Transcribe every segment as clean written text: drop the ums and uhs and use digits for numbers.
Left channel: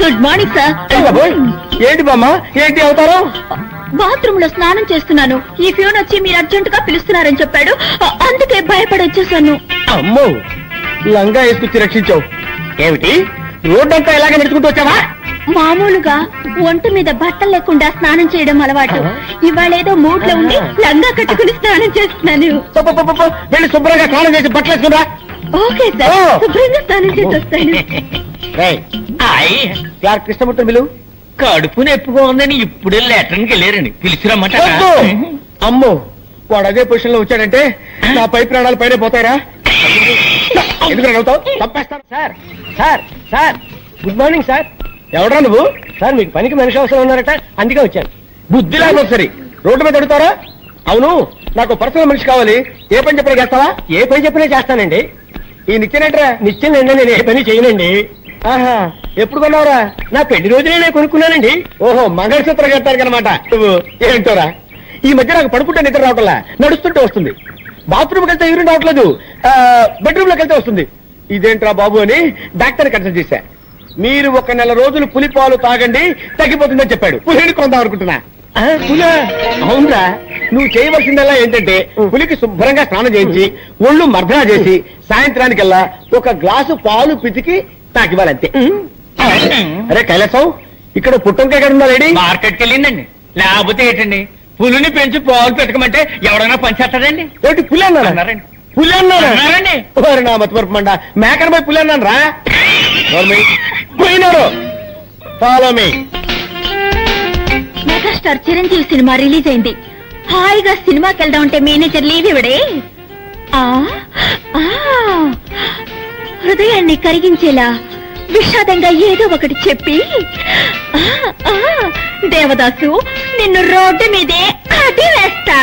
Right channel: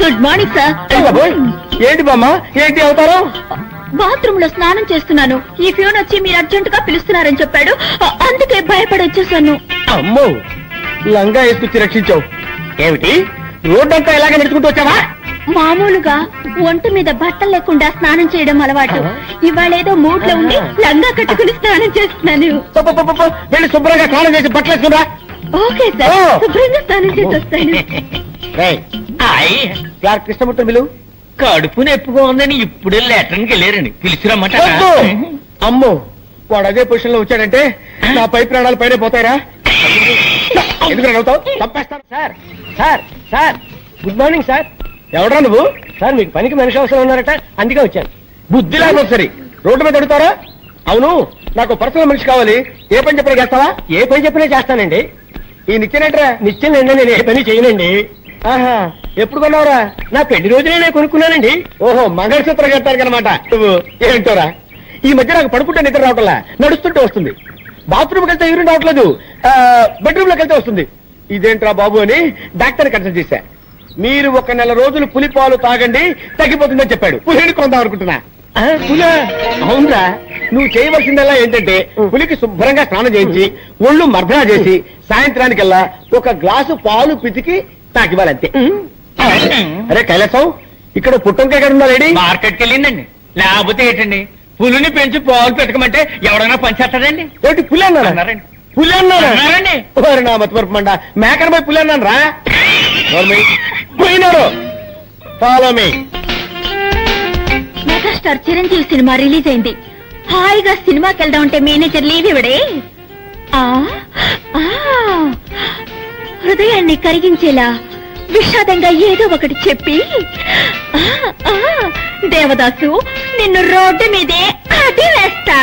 Good morning sir. ఏంటి బామ్మ, ఏంటి అవుతారు? బాత్రూమ్ లో స్నానం చేస్తున్నాను. ఈ ఫ్యూన్ వచ్చి మీరు అర్జెంట్ గా పిలుస్తున్నారని చెప్పాడు, అందుకే భయపడి వచ్చేసాను. అమ్మో, లంగా వేసుకొచ్చి రక్షించావు. ఏమిటి రోడ్డంతా ఇలాగే నడుచుకుంటూ వచ్చావా? మామూలుగా ఒంటి మీద బట్టలు లేకుండా స్నానం చేయడం అలవాటు. ఇవాళేదో మూడ్ లో ఉండి లంగా కట్టుకుని స్నానం చేస్తున్నాను. వెళ్ళి శుభ్రంగా స్నానం చేసి బట్టలు వేసుకురా. ఓకే సార్, శుభ్రంగా స్నానం చేసి వస్తాను. క్లార్క్ కృష్ణమూర్తి బిలు. కడుపు నొప్పిగా ఉందని ఇప్పుడే లెటర్కి వెళ్ళారండి, పిలిచిరమ్మాట. అమ్మో, వాడు అదే పొజిషన్ లో వచ్చాడంటే నా పై ప్రాణాలు పైన పోతాయరా? ఎందుకు అవుతావు? తప్పేస్తాను sir. Sir sir good morning sir. ఎవడా నువ్వు? సార్ మీకు పనికి మనిషి అవసరం ఉన్నారట, అందుకే వచ్చాను. బుద్ధి లేకపోతే ఒకసారి రోడ్డు మీద అడుగుతారా? అవును, నాకు పర్సనల్ మనిషి కావాలి. ఏ పని చెప్పినా చేస్తావా? ఏ పని చెప్పినా చేస్తానండి. ఈ నిత్యనేట్రా? నిత్యం అండి, నేను ఏ పని చేయనండి. ఆహా, ఎప్పుడు కొన్నావురా? నా పెళ్లి రోజునే నేను కొనుక్కున్నానండి. ఓహో, మంగళసూత్రం కట్టారు అనమాట నువ్వు. ఏంటోరా, ఈ మధ్య నాకు పడుకుంటే నిద్ర రావట్లా, నడుస్తుంటే వస్తుంది. బాత్రూమ్కి వెళ్తే యూరిన్ రావట్లేదు, బెడ్రూమ్ లోకి వెళ్తే వస్తుంది. ఇదేంట్రా బాబు అని డాక్టర్ కన్సల్ట్ చేశా. మీరు 1 నెల రోజులు పులిపాలు తాగండి, తగ్గిపోతుందని చెప్పాడు. పులిని కొందాం అనుకుంటున్నా. పులా? అవునరా, నువ్వు చేయవలసిందల్లా ఏంటంటే పులికి శుభ్రంగా స్నానం చేయించి ఒళ్ళు మర్దనా చేసి సాయంత్రానికల్లా 1 గ్లాసు పాలు పితికి తాకివ్వాలంతే. అరే కైలాసం, ఇక్కడ పుట్టంకాయ ఎక్కడ ఉందా లేడీ? మార్కెట్కి వెళ్ళిందండి. లేకపోతే ఏంటండి, పులిని పెంచి పాలు పెట్టకమంటే ఎవడైనా పనిచేస్తాడండి? ఏంటి పులి అన్నారండి? పులి అన్నారండి? నా మతిమరుపు మండ, మేకన పోయి పులి అన్నాను రా. పోయినారు. Follow me. Megastar Chiranjeevi cinema release అయింది. హాయిగా సినిమాకి వెళ్దాం అంటే మేనేజర్ లీవ్ ఇవ్వడే. హృదయాన్ని కరిగించేలా విషాదంగా ఏదో ఒకటి చెప్పి, దేవదాసు నిన్ను రోడ్డు మీదే అడి వేస్తా.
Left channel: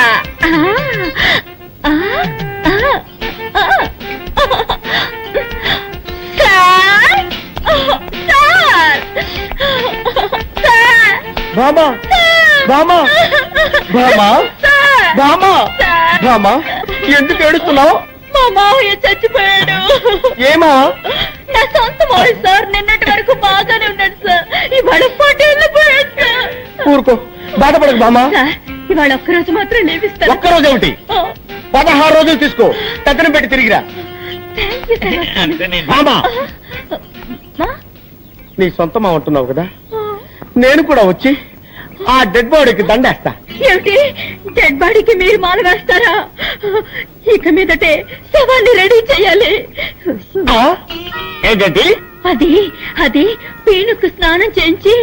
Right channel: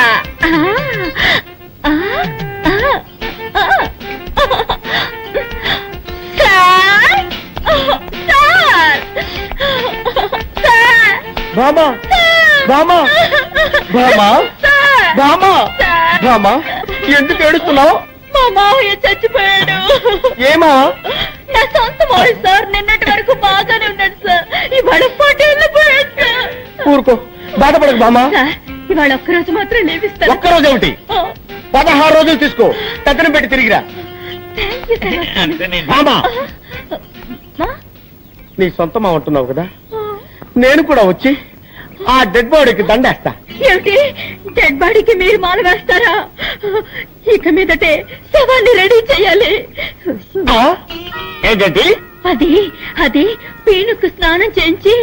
బామా బామా బామా బామా బామా, ఎందుకు ఏడుస్తున్నావు? మా మావయ్య చచ్చిపోయాడు. ఏమా? నా సొంత మావయ్య సార్. నిన్నటి వరకు బాగానే ఉన్నాడు సార్, ఇవాళ పటేళ్ళిపోయాడు సార్. ఊరుకో, బాధపడకు బామా. సార్, ఇవాళ ఒక్కరోజు మాత్రం లేవిస్తాను. ఒక్కరోజు ఏమిటి? 16 రోజులు తీసుకో, కథనం పెట్టి తిరిగిరా. బామా, నీ సొంతమా ఉంటున్నావు కదా, నేను కూడా వచ్చి ఆ డెడ్ బాడీకి దండేస్తా. ఏమిటి, డెడ్ బాడీకి మీరు మాల వేస్తారా? ఇక మీదటే శవాన్ని రెడీ చేయాలి. ఏంటంటే అది అది పీనుకు స్నానం చేయించి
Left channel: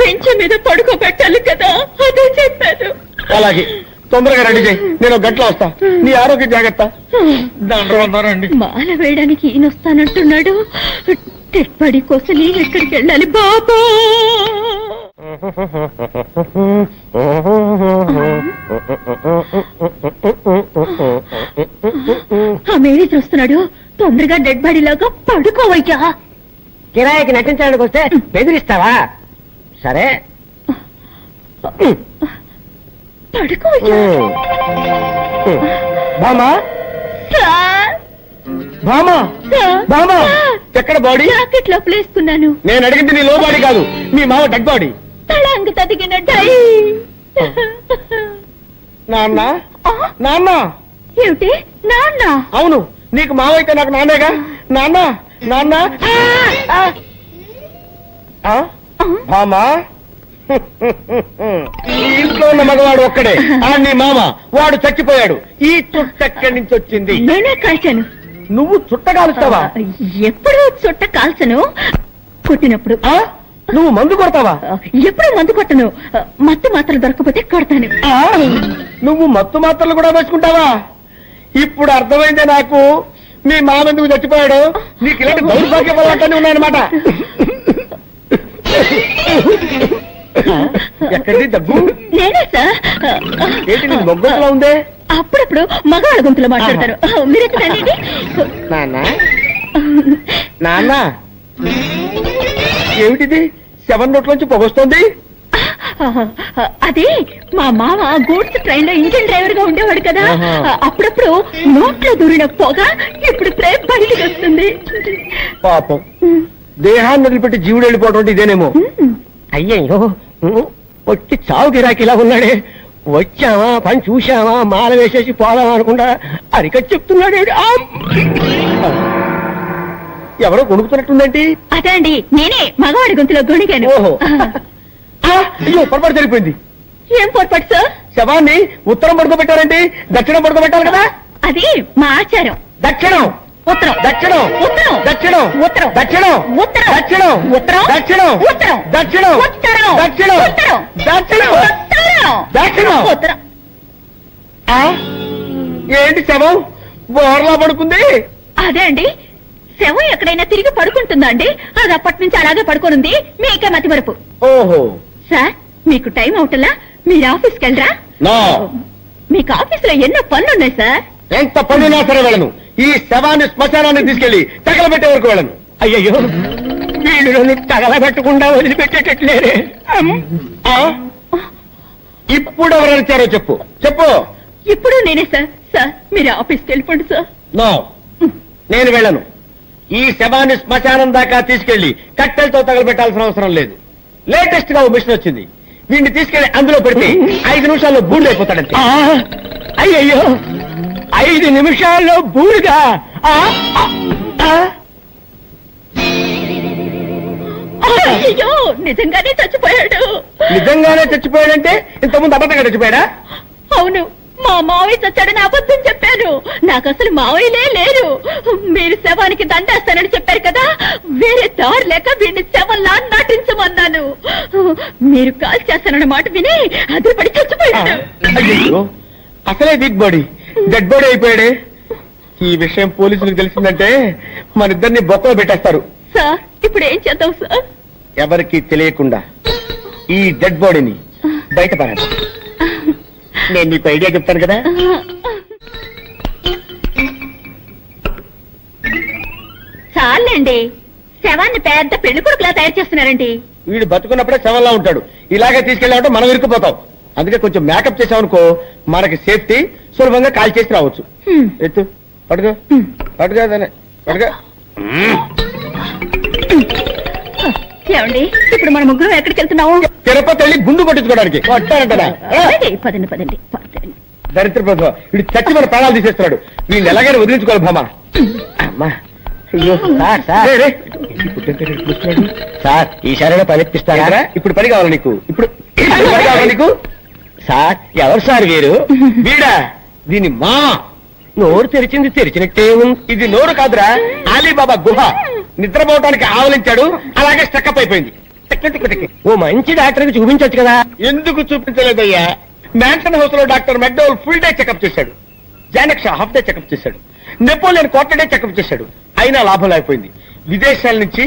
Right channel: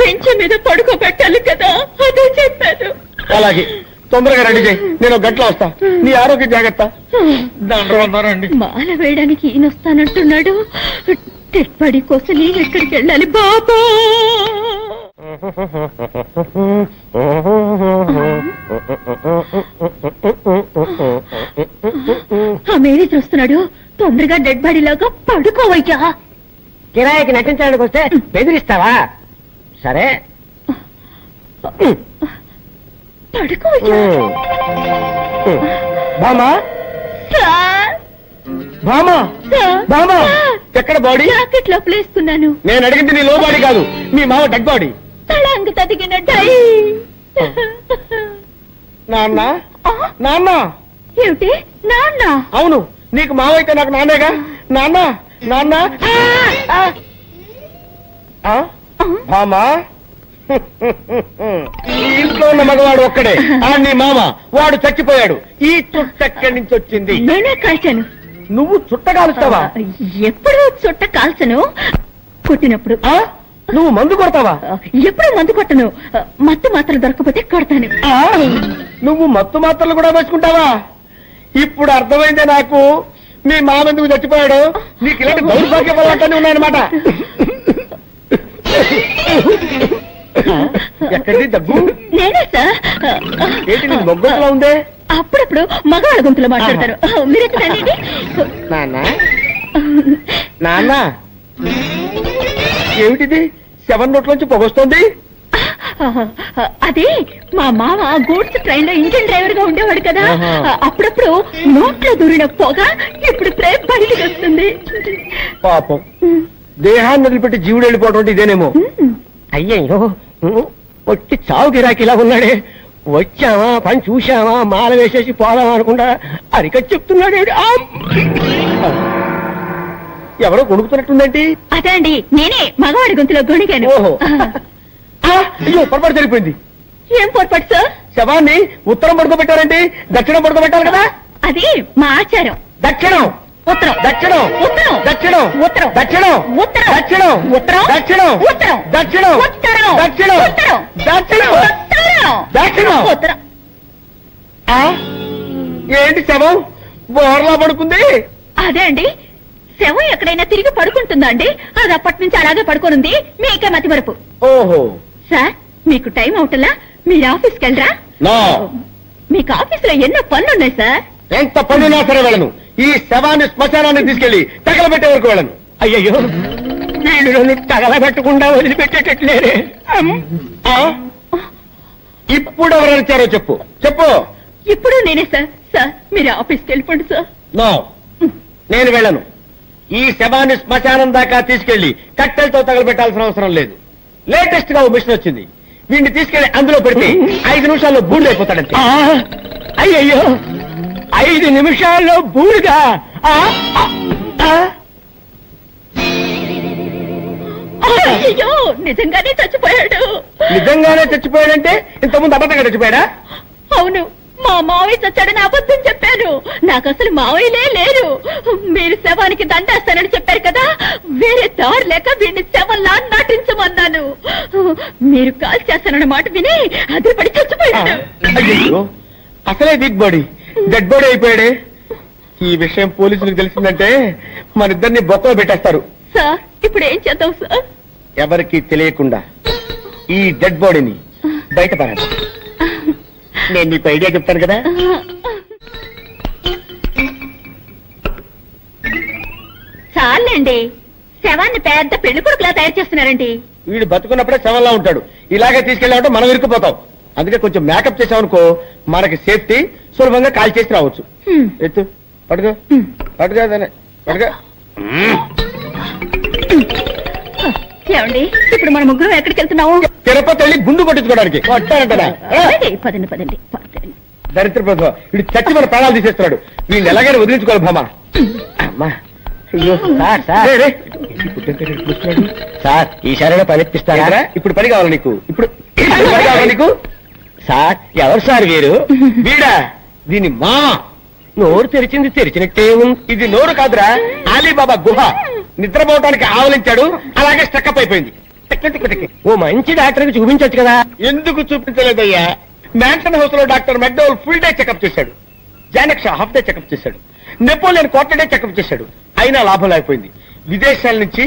బెంచ్ మీద పడుకోబెట్టాలి కదా, అదే చెప్పాను. అలాగే, తొందరగా రెడీ చేయి, నేను 1 గంటలో వస్తా. నీ ఆరోగ్య జాగ్రత్త. దండ్రండి. మాల వేయడానికి ఈయన వస్తానంటున్నాడు. డెడ్ బాడీ కోసం నేను ఎక్కడికి వెళ్ళాలి బాబా? ఆ మేనేజర్ వస్తున్నాడు, తొందరగా డెడ్ బాడీ లాగా పడుకోవయ్యా. కిరాయికి నటించడానికి వస్తే బెదిరిస్తావా? సరే పడుకోవయ్యా. బామా బామా బామా, ఎక్కడ బాడీ? జాకెట్ లోపల వేసుకున్నాను. నేను అడిగింది నీ లో బాడీ కాదు, మీ మామ డెడ్ బాడీ. తలాంగ తదిగిన డై. నాన్న నాన్న. ఏమిటి నాన్న? అవును, నీకు మావ అయితే నాకు నాన్నేగా. నాన్న నాన్న. మామా, ఈ ఇంట్లో ఉన్న మగవాడు ఒక్కడే, నీ మామ. వాడు చచ్చిపోయాడు. ఈ చుట్ట ఎక్కడి నుంచి వచ్చింది? నేనే కాల్చాను. నువ్వు చుట్ట కాలుస్తావా? ఎప్పుడు చుట్ట కాల్చను, కొట్టినప్పుడు. నువ్వు మందు కొడతావా? ఎప్పుడు మందు కొట్టను, మత్తు మాత్రలు దొరకపోతే కొడతాను. నువ్వు మత్తు మాత్రలు కూడా వేసుకుంటావా? ఇప్పుడు అర్థమైందే నాకు, మీ మామ ఎందుకు చచ్చిపోయాడు. నీకు ఇలాంటి దౌర్భాగ్య వల్లనే ఉన్నాయన్నమాట. ఎక్కడిది దగ్గు? నేనే సార్. ఏంటి నీ మొగ్గలా ఉందే? అప్పుడప్పుడు మగాళ్ళ గొంతులో మాట్లాడతారు. మీరెక్కడండి? నాన్న నాన్న, ఏమిటిది? 7 నోట్లోంచి పొగొస్తోంది. అది మా మామ గూడ్స్ ట్రైన్ లో ఇంజిన్ డ్రైవర్ గా ఉండేవాడు కదా, అప్పుడప్పుడు నోట్లో దూరిన పొగ ఇప్పుడు బయటికి వస్తుంది. పాపం దేహాన్ని వదిలిపెట్టి జీవుడు వెళ్ళిపోవడం అంటే ఇదేనేమో. అయ్యయ్యో వచ్చి చావు గిరాకి ఇలా ఉన్నాడే. వచ్చావా పని చూశావా మాల వేసేసి పోదామా అనుకుంటా అరిక చెప్తున్నాడే. ఎవరో కొనుక్కుతున్నట్టుందేంటి? అదే అండి, నేనే మగవాడి గొంతులో గొణిగాను. ఓహో. అయ్యో పొరపాటు జరిగిపోయింది. ఏం పొరపాటు సార్? శవాన్ని ఉత్తరం పడుకోబెట్టారండి, దక్షిణం పడుకోబెట్టాలి కదా. అది మా ఆచారం. దక్షిణం ఉత్తరం దక్షిణం ఉత్తరం దక్షిణం ఉత్తరం దక్షిణం ఉత్తరం దక్షిణం ఉత్తరం దక్షిణం ఉత్తరం దక్షిణం ఉత్తరం దక్షిణం ఉత్తరం దక్షిణం ఉత్తరం దక్షిణం. ఉత్తరం. ఏంటి శవం బోర్లా పడుకుంది? అదే అండి, శవం ఎక్కడైనా తిరిగి పడుకుంటుందా అండి? అది అప్పటి నుంచి అలాగే పడుకోనుంది. మీకే మతి మరుపు. ఓహో. సార్, మీకు టైం అవుతుందా? మీరు ఆఫీస్కి వెళ్ళరా? నో. మీకు ఆఫీస్ లో ఎన్నో పనులున్నాయి సార్. ఎంత పనున్నా సరే వెళ్ళను. ఈ శవాన్ని శ్మశానాన్ని తీసుకెళ్లి తగలబెట్టే వరకు వెళ్ళను. అయ్యయ్యో, నేను తగలబెట్టకుండా వదిలిపెట్టేటట్లేరే. ఇప్పుడు ఎవరు వచ్చారో చెప్పు చెప్పు. ఇప్పుడు నేనే సార్. సార్, మీరు ఆఫీస్కి వెళ్ళిపోండి సార్. నో, నేను వెళ్ళను. ఈ శవాన్ని శ్మశానం దాకా తీసుకెళ్లి కట్టెలతో తగలబెట్టాల్సిన అవసరం లేదు. లేటెస్ట్ గా ఓ మిషన్ వచ్చింది. వీడిని తీసుకెళ్లి అందులో పెడితే 5 నిమిషాల్లో బూడిదైపోతాడంతే. అయ్యయ్యో, 5 నిమిషాల్లో బూడిదా? అయ్యో, నిజంగానే చచ్చిపోయాడు. నిజంగానే చచ్చిపోయాడంటే ఇంతకుముందు అబద్ధంగా చచ్చిపోయాడా? అవును, మా మావయ్య చచ్చాడని అబద్ధం చెప్పాను. నాకు అసలు మావయ్యలే లేరు. మీరు శవానికి దండేస్తానని చెప్పారు కదా, వేరే దారి లేక వీడిని శవంలా నటించమన్నాను. మీరు కాల్ చేస్తానన్న మాట విని అదిపడి చచ్చిపోయాడు. అయ్యో, అసలే వీక్ బాడీ డెడ్ బాడీ అయిపోయాడే. ఈ విషయం పోలీసులకు తెలిసిందంటే మన ఇద్దరిని బొక్కలో పెట్టేస్తారు. సార్, ఇప్పుడు ఏం చేద్దాం సార్? ఎవరికి తెలియకుండా ఈ డెడ్ బాడీని బయట పడాలి. నేను నీకు ఐడియా చెప్తాను కదా. చాలండి, శవాన్ని పెద్ద పెళ్లి కొడుకులా తయారు చేస్తున్నారండి. వీడు బతుకున్నప్పుడే శవంలా ఉంటాడు. ఇలాగే తీసుకెళ్ళామంటే మనం ఇరుక్కుపోతాం. అందుకే కొంచెం మేకప్ చేసామనుకో మనకి సేఫ్టీ, సులభంగా కాల్ చేసి రావచ్చు. ఎత్తు, పడుకో పడుకో పడుకో. ఏమండి, ఇప్పుడు మన ముగ్గురు ఎక్కడికి వెళ్తున్నాము? తిరుపతి వెళ్ళి గుండు కొట్టించుకోవడానికి. కొట్టానంటరా? పదండి పదండి పదండి. దరిద్ర ప్రభుత్వం వీడు చచ్చి మన ప్రాణాలు తీసేస్తున్నాడు. వీళ్ళు ఎలాగైనా వదిలించుకోవాలి భామా. అమ్మా, అయ్యో సార్, ఈసారైనా పని ఇప్పిస్తారా? ఇప్పుడు పని కావాలి నీకు. ఇప్పుడు పని కావాలి నీకు. సార్, ఎవరు సార్ వీరు? వీడా? దీని మా నోరు తెరిచింది తెరిచినట్టే ఉంది. ఇది నోరు కాదురా, అలీబాబా గుహ. నిద్రపోవటానికి ఆవలించాడు, అలాగే స్టక్అప్ అయిపోయింది. ఓ మంచి డాక్టర్ కి చూపించొచ్చు కదా. ఎందుకు చూపించలేదయ్యా? మ్యాన్సన్ హౌస్ లో doctor McDowell full day checkup చేశాడు. జానక్ షా హాఫ్ డే చెకప్ చేశాడు. నెపోలియన్ క్వార్టర్ డే చెకప్ చేశాడు. అయినా లాభం లేకపోయింది. విదేశాల నుంచి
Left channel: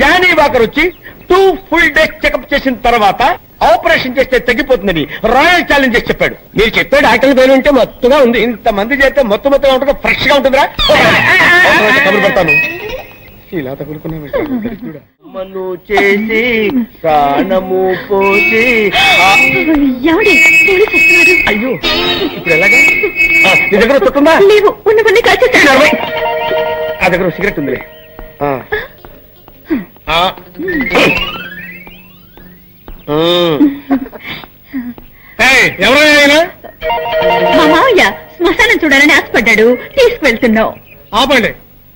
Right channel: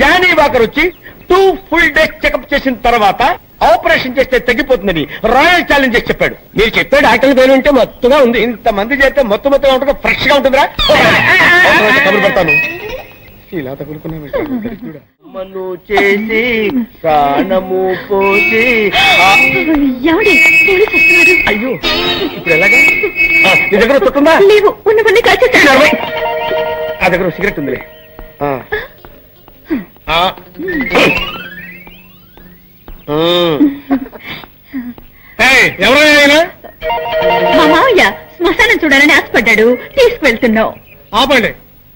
జానీ వాకర్ వచ్చి 2 ఫుల్ డేస్ చెకప్ చేసిన తర్వాత ఆపరేషన్ చేస్తే తగ్గిపోతుందని రాయల్ ఛాలెంజ్ చేసి చెప్పాడు. మీరు చెప్పే డాక్టర్ పేరు ఉంటే మొత్తగా ఉంది. ఇంతమంది చేస్తే మొత్తగా ఉంటుంది, ఫ్రెష్ గా ఉంటుందిరా. కబురు పెడతాను. ఇలా తగులుకున్నా మను చేసి ప్రాణము పోసి. అయ్యో, ఇప్పుడు ఎలాగా? నీ దగ్గర తొట్టుందా? లేవు, ఉన్నవన్నీ కాల్చేస్తాను. ఆ దగ్గర సిగరెట్ ఉందిలే. ఎవరైనా మా మావయ్య శ్మశానం చూడాలని ఆశపడ్డాడు, తీసుకువెళ్తున్నావు. ఆపండి.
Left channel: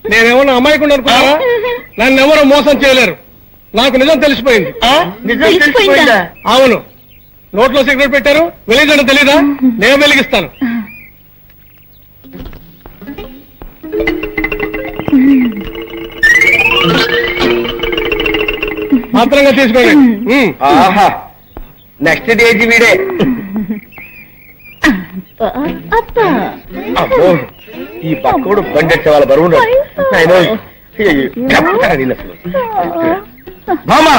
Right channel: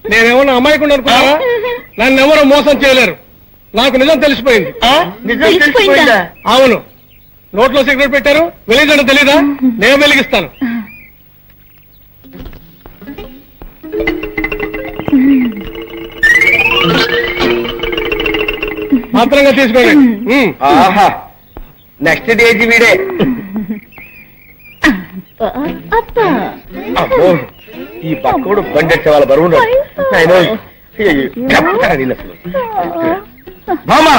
నేనేమన్నా అమ్మాయికుండా అనుకున్నావా? నన్ను ఎవరో మోసం చేయలేరు. నాకు నిజం తెలిసిపోయింది. తెలిసిపోయిందా? అవును. నోట్లో సిగరెట్ పెట్టారు, వెలిగించడం తెలీదా? నేను వెలిగిస్తాను. మాత్రంగా తీసుకోండి. ఆహా, నెక్స్ట్ డేజీ వీడే. అమ్మో, ఈ బక్కోడు బండెట్టే వాళ్ళ బరువు మామా.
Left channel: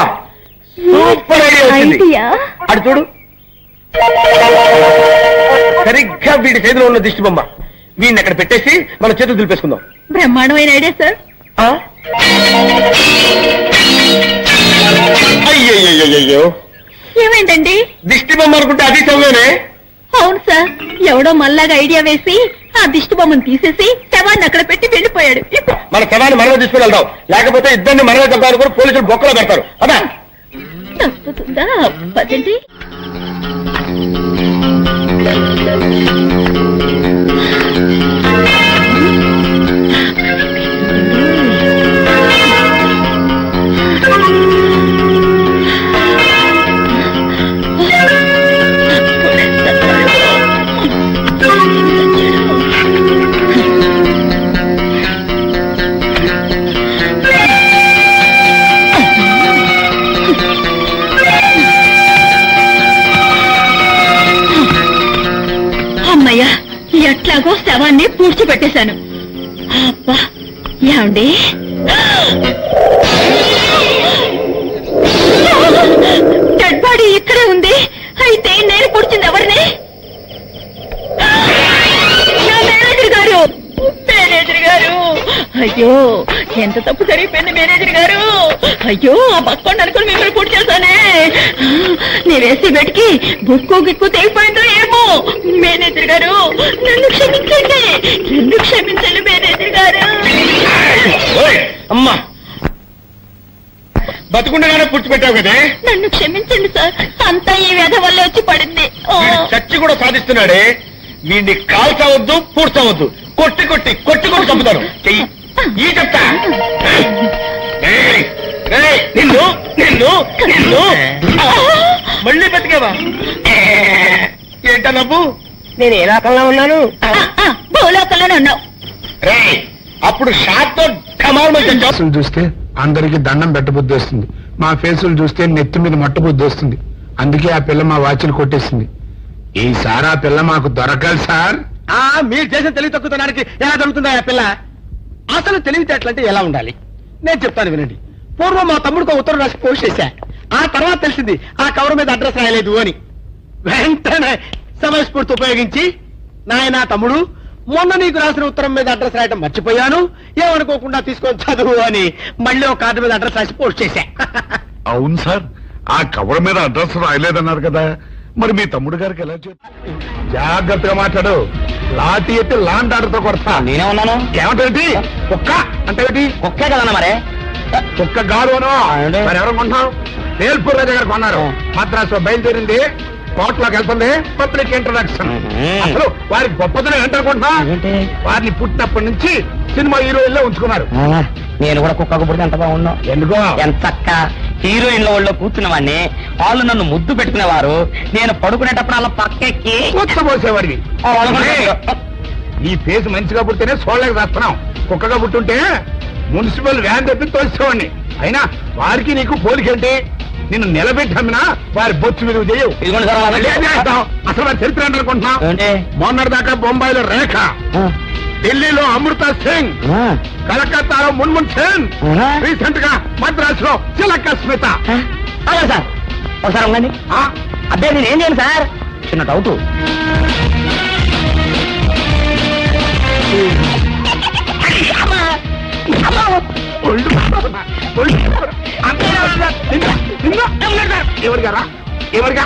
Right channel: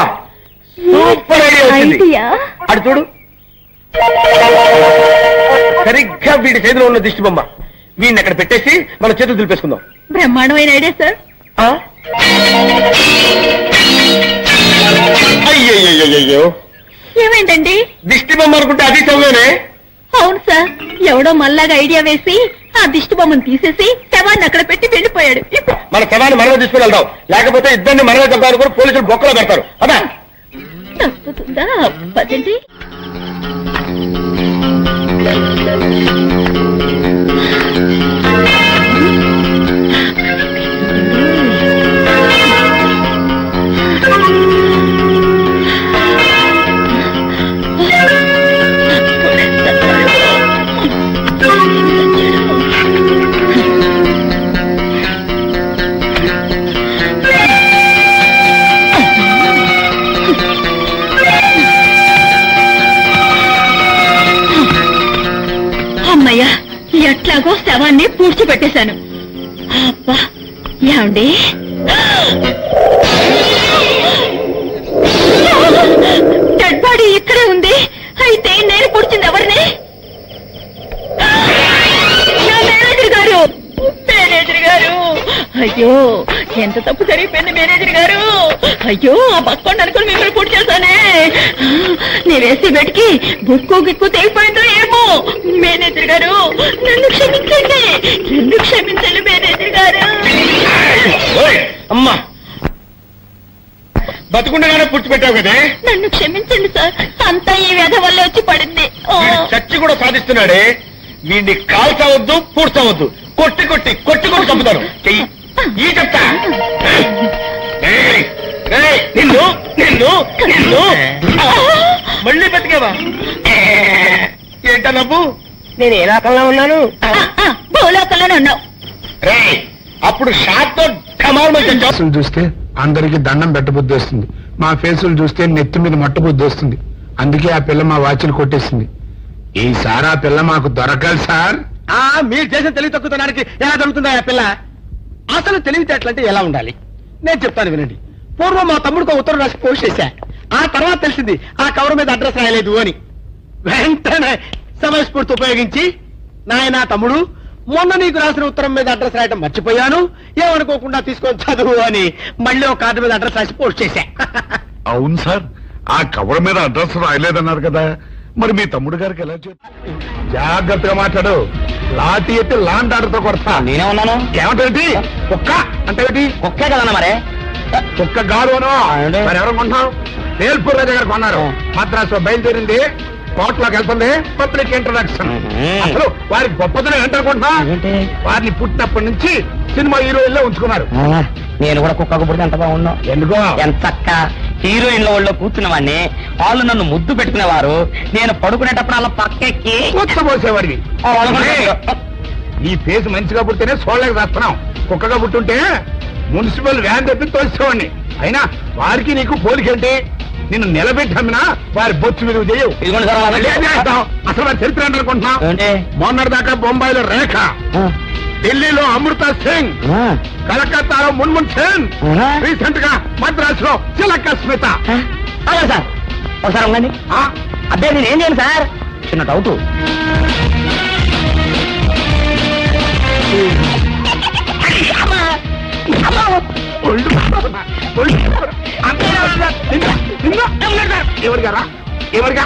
సూపర్ ఐడియా వచ్చింది. అటు చూడు, సరిగ్గా వీడి చేతిలో ఉన్న దిష్టి బొమ్మ. వీడిని అక్కడ పెట్టేసి మన చేతులు దులిపేసుకుందాం. బ్రహ్మాండమైన ఐడియా సార్. అయ్యయ్యో, ఏమైందండి? దిష్టి బొమ్మ అనుకుంటే అది చదివేనే. అవును సార్, ఎవడో మళ్ళాగా ఐడియా వేసి ఆ దిష్టి బొమ్మను తీసేసి శవాన్ని అక్కడ పెట్టి వెళ్ళిపోయాడు. మన శవాన్ని మనలో తీసుకుని వెళ్దాం, లేకపోతే ఇద్దరిని మనలో చంపాలని కూడా పోలీసులు బొక్కలో పెడతారు. అదా తప్పుతుందా పదండి. అమ్మయ్యా, ఎట్లాగో శవాన్ని పూడ్చిపెట్టేశాను. అబ్బా, ఏమండి డెడ్ బాడీ ఇక్కడే ఉంది. అయితే నేను పూడ్చింది ఎవరిని? నా మేనేజర్ గారు, మేనేజర్ గారు! అయ్యో, ఎంత తప్పు జరిగిపోయింది మేనేజర్ గారు. అయ్యో, ఆ పక్కోండి అనుకుని మిమ్మల్ని పూర్తి చేశానే. నేను వేసి బెట్కి గుక్కు గిక్కు తెగిపోయిందో ఏమో. మేనేజర్ గారు, నన్ను క్షమించండి, నన్ను క్షమించండి మేనేజర్ గారు. అమ్మా, బతుకుండగానే పుచ్చిపెట్టావు కదే. నన్ను క్షమించండి సార్, అంతా ఈ వ్యధ వల్ల వచ్చి పడింది. వీడు చచ్చి కూడా సాధిస్తున్నాడే. వీడిని కాల్చవద్దు, పూడ్చవద్దు, కొట్టి కొట్టి కొట్టి కొట్టి చంపుతాను. చెయ్యి ఈ చెప్తా. ఏయ్, ఏయ్, నిన్ను నిన్ను నిన్ను మళ్ళీ బతికేవా? ఏంటా నవ్వు? నేను ఏ రకంగా ఉన్నాను? భూలోకంలోనే ఉన్నావు. రేయ్, అప్పుడు షాట్ తో కమాల్ మంచి ఫేసులు చూస్తే అందరికి దండం పెట్టబుద్ధి వస్తుంది, మా ఫేసులు చూస్తే నెత్తి మీద మట్టబుద్ధి వస్తుంది. అందుకే ఆ పిల్ల మా వాచ్లు కొట్టేసింది. ఈసారి ఆ పిల్ల మాకు దొరకాలి సార్. మీరు చేసిన తెలివి తక్కువతనానికి ఎలా జరుగుతుందా ఆ పిల్ల? అసలు తెలివితేటలంటే ఎలా ఉండాలి నేను చెప్తాను వినండి. పూర్వం మా తమ్ముడికి ఉత్తరం రాసి పోస్ట్ చేశా. ఆ తర్వాత తెలిసింది ఆ కవర్ మీద అడ్రస్ రాయలేదు అని. వెంటనే సమయస్ఫూర్తి ఉపయోగించి, నాయనా తమ్ముడు, మొన్న నీకు రాసిన ఉత్తరం మీద అడ్రస్ రాయటం మర్చిపోయాను, ఏమనుకోకుండా తీసుకొని చదువు అని మళ్ళీ ఒక కార్డు మీద అడ్రస్ రాసి పోస్ట్ చేశా. అవును సార్, ఆ కవర్ మీద అడ్రస్ రాయలేదన్నారు కదా, మరి మీ తమ్ముడు గారికి ఎలా చెప్పి? జాగ్రత్తగా మాట్లాడు, లాఠీ ఎత్తి లాంటి ఆటతో కొడతా. నేనే ఉన్నాను. ఏమంటే కుక్క అంటే ఒకే కదన్నా మరే. కుక్క గారు అను. మరి ఎవరు కొంటున్నాం? వేల్పూర్ రాజా గారు కొన్నారు. మద్రాసు బయలుదేరింది, కోర్టులోకి వెళ్తుంది, పబ్లిక్ ఇంట్రడక్షన్. అసలు వారికి గొప్పతనం ఏంటనుకుంటున్నా? వారిని పుట్టినప్పటి నుంచి సినిమా హీరోయిన్ లో ఉంచుకున్నారు. నేను కూడా కుక్కకు పుడితే ఎంత బాగున్నావు. ఎందుకో ఎంతక్క హీరోయిన్ల ఒళ్ళో కూర్చున్నవాడిని, వాళ్ళు నన్ను ముద్దు పెట్టుకునేవారు, నేను పడుకునేటప్పుడు అలా పక్కెక్కి పోసేవాడివి. ఈ ఫేస్ మంచిగా పుట్టితేనే సోళ్ళకి రాస్తున్నాం. కుక్కగా పుట్టుంటే మున్సిపల్ వ్యాన్ తెప్పి తోసేవాడిని. అయినా వారికి నీకు పోలికేంటి? నిన్ను నిలబెట్టి అమ్మినా వారి బొచ్చు విలువ చేయవు. ఇదిగోండి సార్, అలా ఏం చేస్తావ్? అసలు వారి చరిత్ర అనుకుంటున్నాం. ఏంటి? మొన్నటి దాకా బొంబాయిలో రేఖ, ఢిల్లీలో అమృత సింగ్, కలకత్తాలో మున్మున్ సేన్, రీసెంట్ గా మద్రాసులో చిలక స్మిత. అదే సార్, ఒకసారి ఉండండి. అదే నేను ఏం చేయను సార్, చిన్న డౌట్. ఎవరిగారా? ఎవరిగా?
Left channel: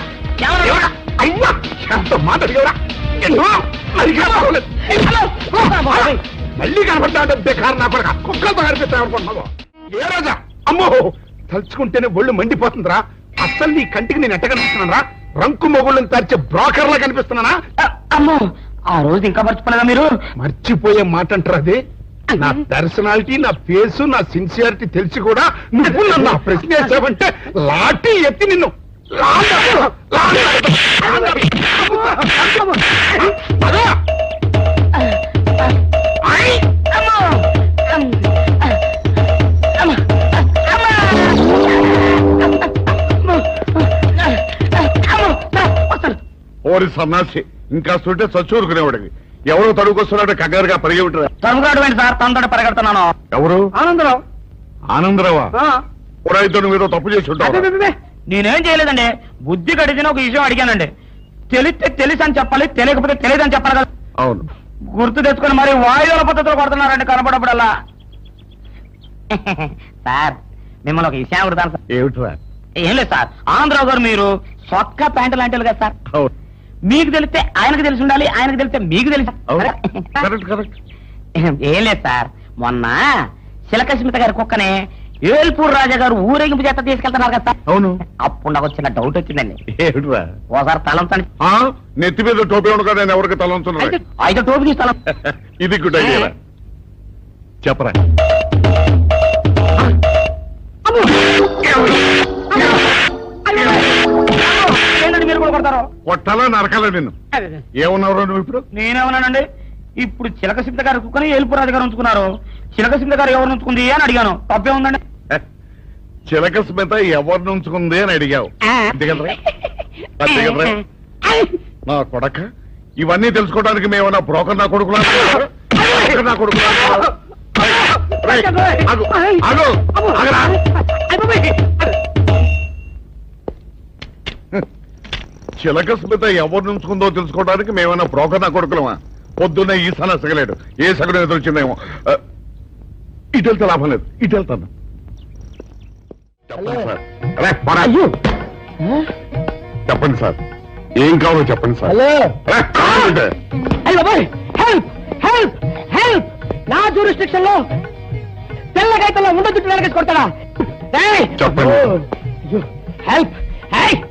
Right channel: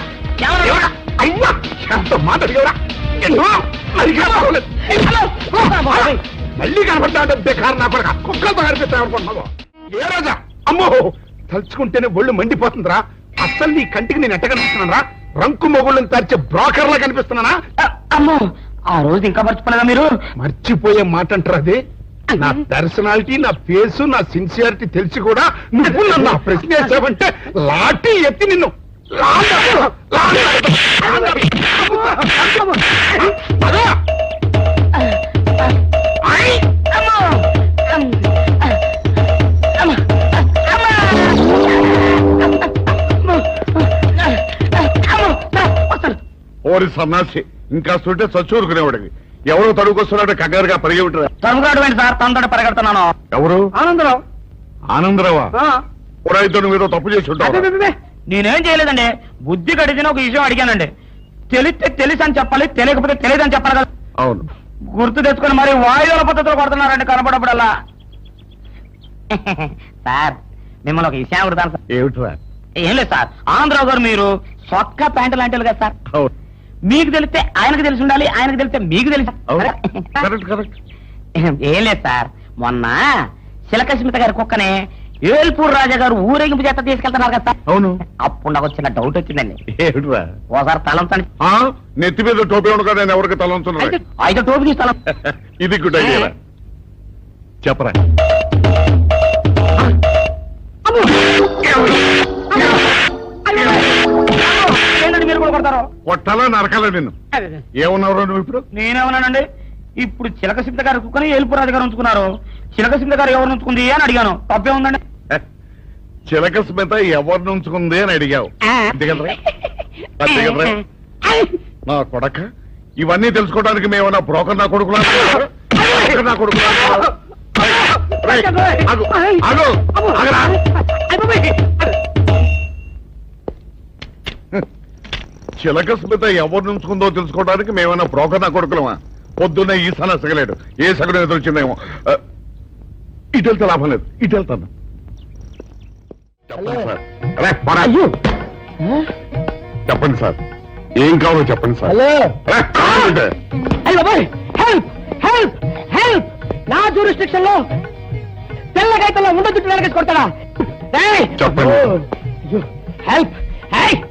అయ్యా, ఎంత మాట అడిగేవరా? మళ్ళీ కనపడతా బేకారు నా కొడుకు. కుక్కలతో కనిపిస్తా అనుకుంటున్నావు. ఏ రోజా? అమ్మో, తలుచుకుంటేనే ఒళ్ళు మండిపోతుందిరా. అస్సలు నీ కంటికి నేను ఎట్ట కనిపిస్తున్నారా? రంకు మొగుళ్ళని తరిచే బ్రోకర్ లా కనిపిస్తున్నానా? అమ్మో, ఆ రోజు ఇంకా మర్చిపోలేదా మీరు? మర్చిపోయే మాట అంటారు అది. నా పర్సనాలిటీ, నా ఫేసు, నా సిన్సియారిటీ తెలిసి కూడా నువ్వు నన్ను ఆ ప్రశ్న వేసావంటే లాఠీ ఎత్తి నిన్ను ఓరి సన్నాసి, ఇంకా సుంటే చచ్చూరుకునేవాడికి. ఎవరో తడుకొస్తున్నాడు కంగారుగా పరిగి ఉంటారా? తనుగాడు ఏంటి సార్, తనతో పరిగెడుతున్నాను. ఎవరు? ఆనందరావు. ఆనందరావా? ఎవరైతే నువ్వు ఏదో తప్పు చేసి ఉంటావు. నేనేం చేయలేదండి, బుద్ధి గడిచిన ఒక విషయం అడిగానండి. తెలిస్తే తెలుసు అని చెప్పాలి, తెలియకపోతే తెలియదు అని చెప్పాలి కదా. అవును, గుర్తు తెచ్చుకొని మరి వాయువుల పద్ధతిలో కొడుతున్నారండి కనపడప్పుడల్లా. సార్, మిమ్మల్ని ఒక విషయం అడుగుతాను సార్. ఏమిట్రా? ఏం లేదు సార్, ఆంధ్రావు గారు మీరు సొక్క ప్యాంటు లాంటి కదా సార్. అవును. మీకు తెలిస్తే ఆయనకు తెలిసి ఉండాలి, ఆయనకు తెలిస్తే మీకు తెలిసి. కరెక్ట్. ఏం లేదు సార్, మొన్న శిలకస్మిత గారి కుక్కనే ఏల్పూర్ రాజా గారు ఊరేగింపు చేత తీసుకెళ్తున్నారు కదా సార్. అవును. అప్పుడు నాకు చిన్న డౌట్ వచ్చిందండి. ఏమిట్రా? ఓసారి తలంచండి. నెత్తి మీద టోపీ ఉండగా నేను ఎవరికి తలంచున్నా? అయితే టోపీ తీసి తలం. ఇది గుడ్ ఐడియా. చెప్పరా. ఏంటండి మీరు కూడా కొడతారు? కొట్టాలా నరకాలా నిన్ను? ఏమన్నావు నువ్వు ఇప్పుడు? నేనేమన్నానండి? ఇప్పుడు చిలకసింత గారు కుక్కని ఏల్పూర్ రాజు గారు ఉంచుకున్నారు, చిలకసింత గారు ఎవరు ఉంచుకుంది అని అడిగాను. తప్పే ఉందండి? చిలక స్మిత ఎవరిని ఉంచుకుంది అని అడిగావు. అంతే కదరా? అంతే కదరా? నా కొడక, ఇవన్నీ తెలుసుకోవడానికి మేమన్నా బ్రోకర్ నా కొడుకులా? నా కొడుకులా? చిలక స్మిత ఎవరిని ఉంచుకుందో తెలుసుకోవడానికి మేమన్నా బ్రోకర్ నా కొడుకులమా? పొద్దున్నే ఈ సన సగలేడు, ఏ సగడు ఎదురొచ్చిందేమో. ఇటు వెళ్తే లాభం లేదు, ఇటు వెళ్తాను. చెప్పండి సార్. అరే, పోరా. చెప్పండి సార్, ఏం కావాలో చెప్పండి సార్. హలో. అరే, కావాలంటే. అయ్యో బాయ్, హెల్ప్ హెల్ప్ హెల్ప్! నా జ్యూరిస్డిక్షన్ లో తెల్లగైతల్లో ఉండ చుట్టూ వెనకేసి కొడతాడా? చెప్పండి. Help help!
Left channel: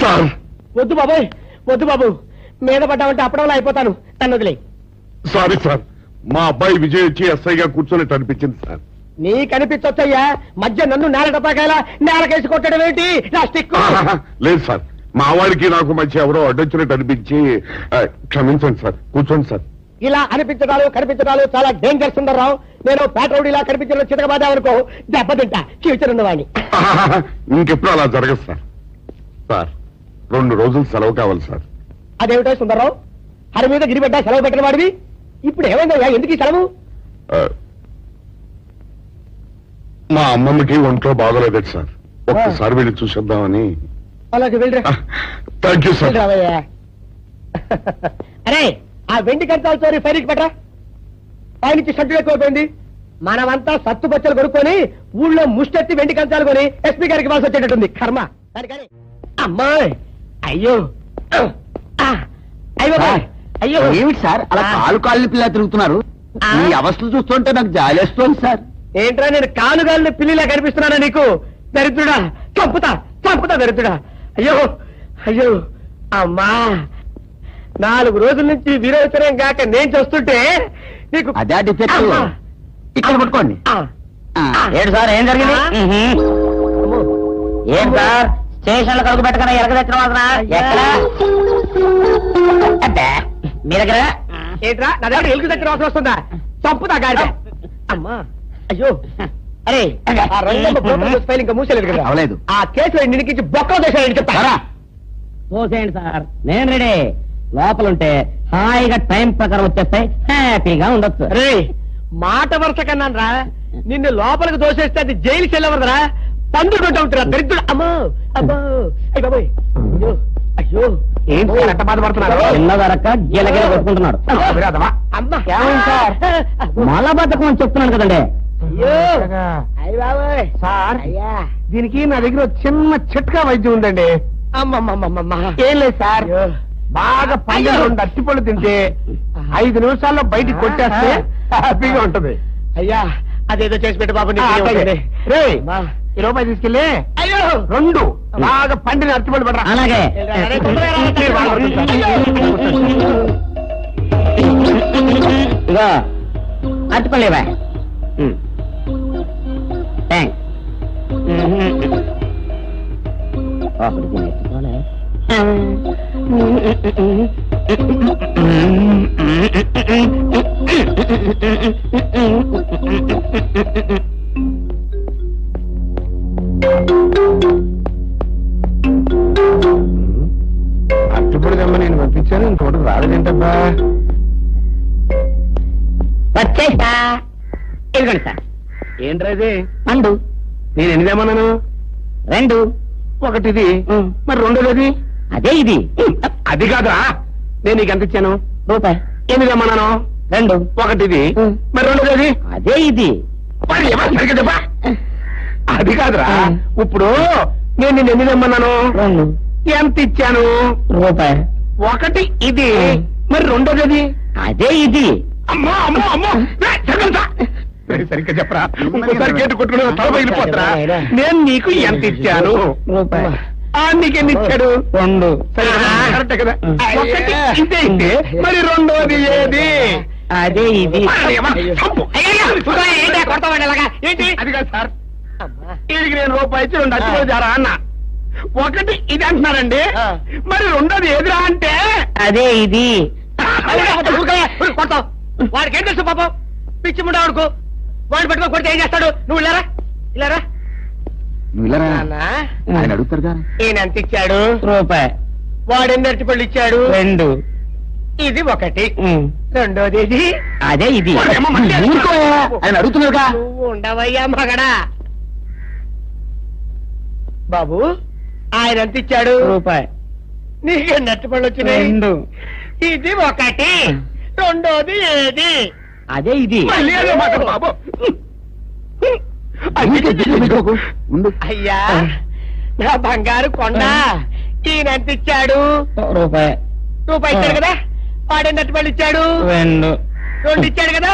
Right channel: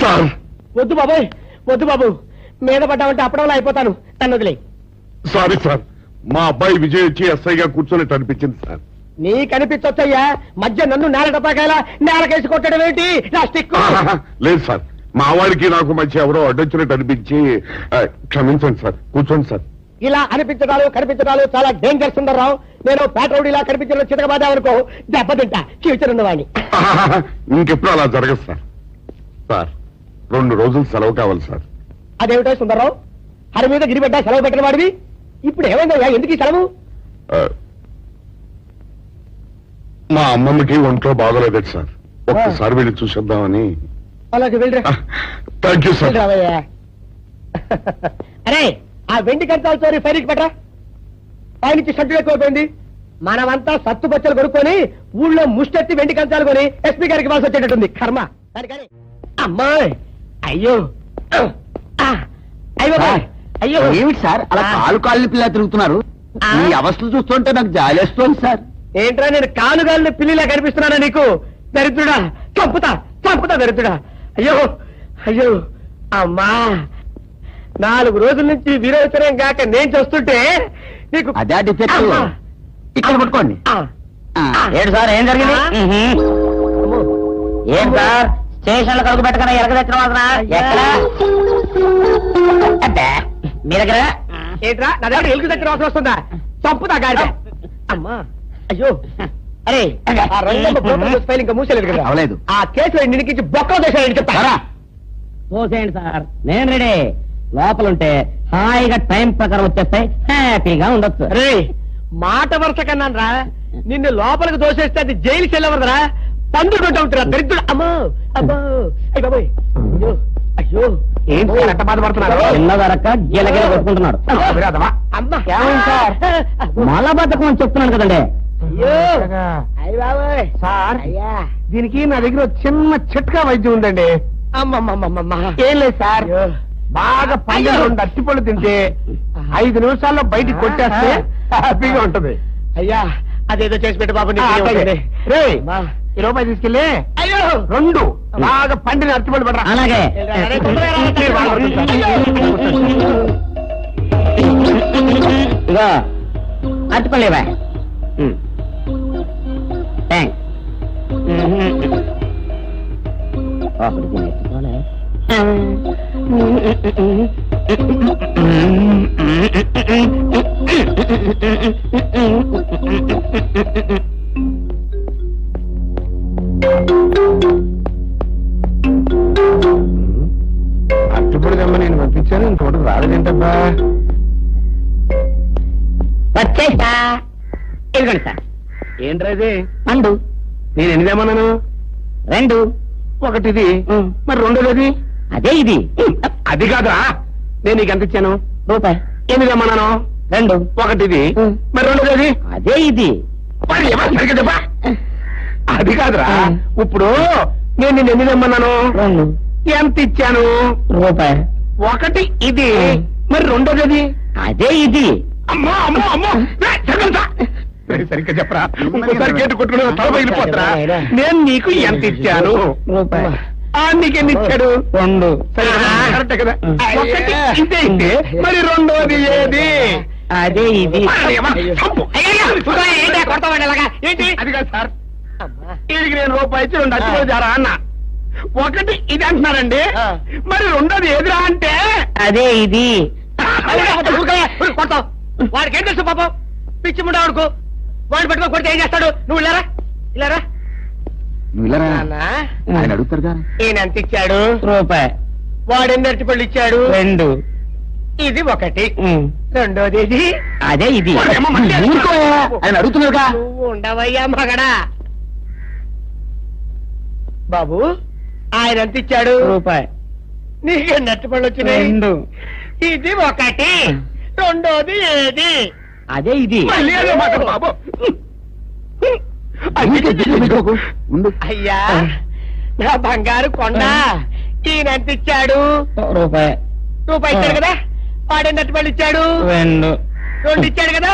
సార్, వద్దు బాబోయ్, వద్దు బాబు, మీద పడ్డామంటే అప్పడంలో అయిపోతాను, నన్ను వదిలే. సారీ సార్, మా అబ్బాయి విజయ్ వచ్చి ఎస్ఐగా కూర్చొని అనిపించింది సార్. నీ కనిపించొచ్చయ్యా, మధ్య నన్ను నేల టపాకాయలా నేలకేసి కొట్టడం ఏంటి? నా స్టిక్. లేదు సార్, మా వాడికి నాకు మధ్య ఎవరో అడ్డొచ్చినట్టు అనిపించి క్షమించండి సార్. కూర్చోండి సార్. ఇలా అనిపించడాలు కనిపించడాలు చాలా డేంజర్ సుందర్రావు. నేను పేట్రౌడీలా కనిపించడం చితకబాదామనుకో దెబ్బతింటా ఫ్యూచర్ ఉన్నవాడిని. ఇంకెప్పుడు అలా జరగదు సార్. సార్, 2 రోజులు సెలవు కావాలి సార్. అదేమిటో సుందర్రావు, హరి మీద గిరిబెడ్డ సెలవు పెట్టిన వాడివి, ఇప్పుడు ఏమైందయ్యా? ఎందుకు ఈ సెలవు? మా అమ్మమ్మకి ఒంట్లో బాగోలేదు సార్, ఒక్కసారి వెళ్ళి చూసేద్దామని. అలాగే వెళ్ళరా. Thank you sir. రావయ్యా. అరే, ఆ వెండి కంచాల చోరీ ఫైరికి పెట్టరా. పైనుంచి షంటు ఎక్కువైపోయింది. మనమంతా సత్తు బచ్చలు కొనుక్కొని ఊళ్ళో ముష్టెత్తి వెండి కంచాలు కొని ఎస్పీ గారికి ఇవ్వాల్సి వచ్చేటట్టుంది. కర్మ. కానీ అమ్మాయి, అయ్యో అయ్యో అయ్యో! ఏమిటి సార్ అలా కాలు పిల్ల తిరుగుతున్నారు? ఈ అవస్థలు చూస్తుంటే నాకు జాలేస్తోంది సార్. ఏంట్రా, నేను కాలుగాలిని పిల్లిలా కనిపిస్తున్నానా నీకు? దరిద్రుడా, చంపుతా చంపుతా దరిద్రుడా! అయ్యో అయ్యో! అమ్మా, 4 రోజుల నుంచి విరోచనం కాక నేను చూస్తుంటే నీకు అదే డిఫెక్ట్. అమ్మా! ఇక్కడ పట్టుకోండి. ఆ, ఏంటి సార్, ఏం జరిగింది? ఏం సార్, స్టేషన్ లో కలుగు పెట్టకుండా ఎరగ తెచ్చిన ఎక్కడ మీ దగ్గర? ఏంట్రా, నా దగ్గర ఎలుగు దగ్గర అవసరం వస్తుందా? చంపుతా గాడి. అమ్మా, అయ్యో! అరే, ఆ రంగమ్మ బ్రోకర్ ఫైల్ ఇంకా మూసేలేదు కదా? అవలేదు. ఆ కేసులో నిన్నుకించి బొక్కలో చేశాడని చెప్తా. చూసేయండి సార్, నేను రెడీ. లోపలుంటే హాయిగా టైం ప్రకారం వచ్చేస్తాయి, హ్యాపీగా ఉండొచ్చు. రే, మాట వరుస కన్నాను రా. నిన్ను లోపలికి దోసేస్తే అది జైలుకి వెళ్ళవరదరా, పందులు కొంటా ఉంటారా దరిద్రుడు. అమ్మో అమ్మో, అయ్య బాబోయ్, అయ్యో అయ్యో! ఏంటి సార్ అంత బాధపడుతున్నారు? చిన్నదరక్క గీలగీల కొట్టుకుంటున్నాడు. అమ్మా, ఏమైంది సార్? మలబద్ధకం అని చెప్తున్నాను కదండి. అయ్యో అయ్య బాబోయ్! సార్, అయ్యా, దీనికి నా దగ్గర చిన్న చిట్కా వైద్యం ఉందండి. అమ్మమ్మమ్మమ్మ, ఏం లేదు సార్, బాగా పైన 2 అరటిపళ్ళు తింటే 5 నిమిషాల్లో బయటికి కొట్టేస్తే హ్యాపీగా ఉంటది. అయ్యా, అదేదో చేసి పెట్టు బాబు. రేయ్, ఈ రూపాయి తీసుకెళ్ళి అయ్యో 2 బాగా పండిన అరటిపళ్ళు పడరా. అలాగే. ఇగో అట్టుకోలేవా? థ్యాంక్స్. అరటిపళ్ళు తెమ్మని నేను పంపించాను, ఇంకోటి రాలేదేంటబ్బా? వచ్చేసా. ఇదిగోండి సార్. ఏంట్రా ఇది? పండు నేను ఎన్నిదేమన్నాను? 2. ఒకటిది, మరి 2ది? అదే ఇది. అది కాదురా, నేను నీకు ఎంత ఇచ్చాను? రూపాయి. ఎన్నిదేమన్నాను? 2. ఒకటిది, మరి 2ది? అదే ఇది. మరి ఎవరు సరిగ్గా చెప్పా? అది కాదురా ఇప్పుడు నేను నిన్ను ఎన్ని తెమ్మన్నాను ఎంత ఇచ్చాను రూపాయి ఒకటి ఇది మరి రెండోది అది అదే ఇది అమ్మో అమ్మో అమ్మో సరిగ్గా చెప్పరా ఇంకోసారి గేటు కొట్టుకుని తల పగిలిపోతురా నేను నీకు ఎంత ఇచ్చాను రూపాయి నీకెన్ని ఇచ్చాడు రెండు సరే కరెక్టే కదా ఒకటి ఇదే ఇస్తే మరి రెండోది ఏది అదే ఇది ఏంటి అది కాదు సార్ వీడికి నేను రూపాయి ఇచ్చి రెండు అచ్చి జారా అన్న ఒకటి ఇది అంటున్నారండి మరి రెండోది ఏదిరా అంటే అదే ఇది వాడికి ఏం తెలుసు పాపం పిచ్చి ముండా వాడుకో వాడు పెట్టుకో కొడితే ఏం చేస్తాడు నువ్వు ఇలారా ఇలారా ఆయన అడుగుతారుగా ఈయన ఎంత ఇచ్చాడు రూపాయి వాడు ఎన్ని అరటిపళ్ళు ఇచ్చాడు రెండు ఇది ఒకటి రెండోది ఇది అదే ఇది ఆయన అడుగుతున్నారుగా నువ్వు ఉండవయ్యా మగడా బాబు ఆయన ఎంత ఇచ్చాడు రూపాయి నీకు అరటిపళ్ళు వచ్చినాయి రెండు ఇది ఒకటి రెండోది ఏది అదే ఇది మళ్ళీ అదే మాట బాబు అయ్యా నా బంగారు కొండ ఈయన ఎంత ఇచ్చాడు రూపాయి రూపాయి ఇచ్చాడు కదా వాడెన్ని అరటిపళ్ళు ఇచ్చాడు రెండు రెండు ఇచ్చాడు కదా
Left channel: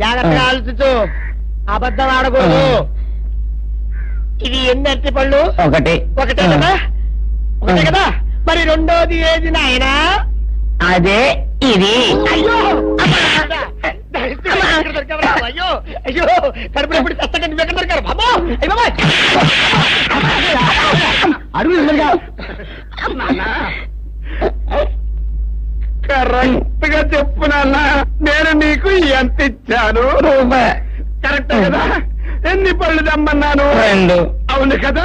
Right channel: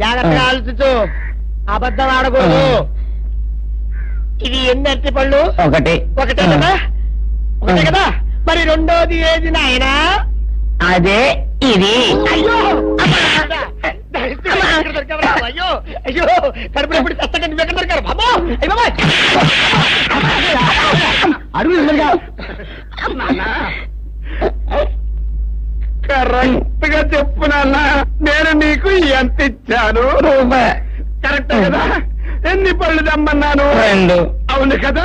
జాగ్రత్తగా ఆలోచించు అబద్ధం ఆడకూడదు ఇది ఎన్ని అరటిపళ్ళు ఒకటి ఒకటే కదా ఒకటే కదా మరి రెండోది ఏది నాయనా అదే ఇది అయ్యో అయ్యో అయ్యో కడుపులో ఎప్పుడు చస్తగా నువ్వు ఎక్కడ దొరికారు బాబా అయ్య బాబా కరెక్ట్ గా చెప్పు నాన్న నేను నీకు ఎంత ఇచ్చాను కరెక్ట్ కదా ఎన్ని పళ్ళు తెమ్మన్నాను రెండు అవును కదా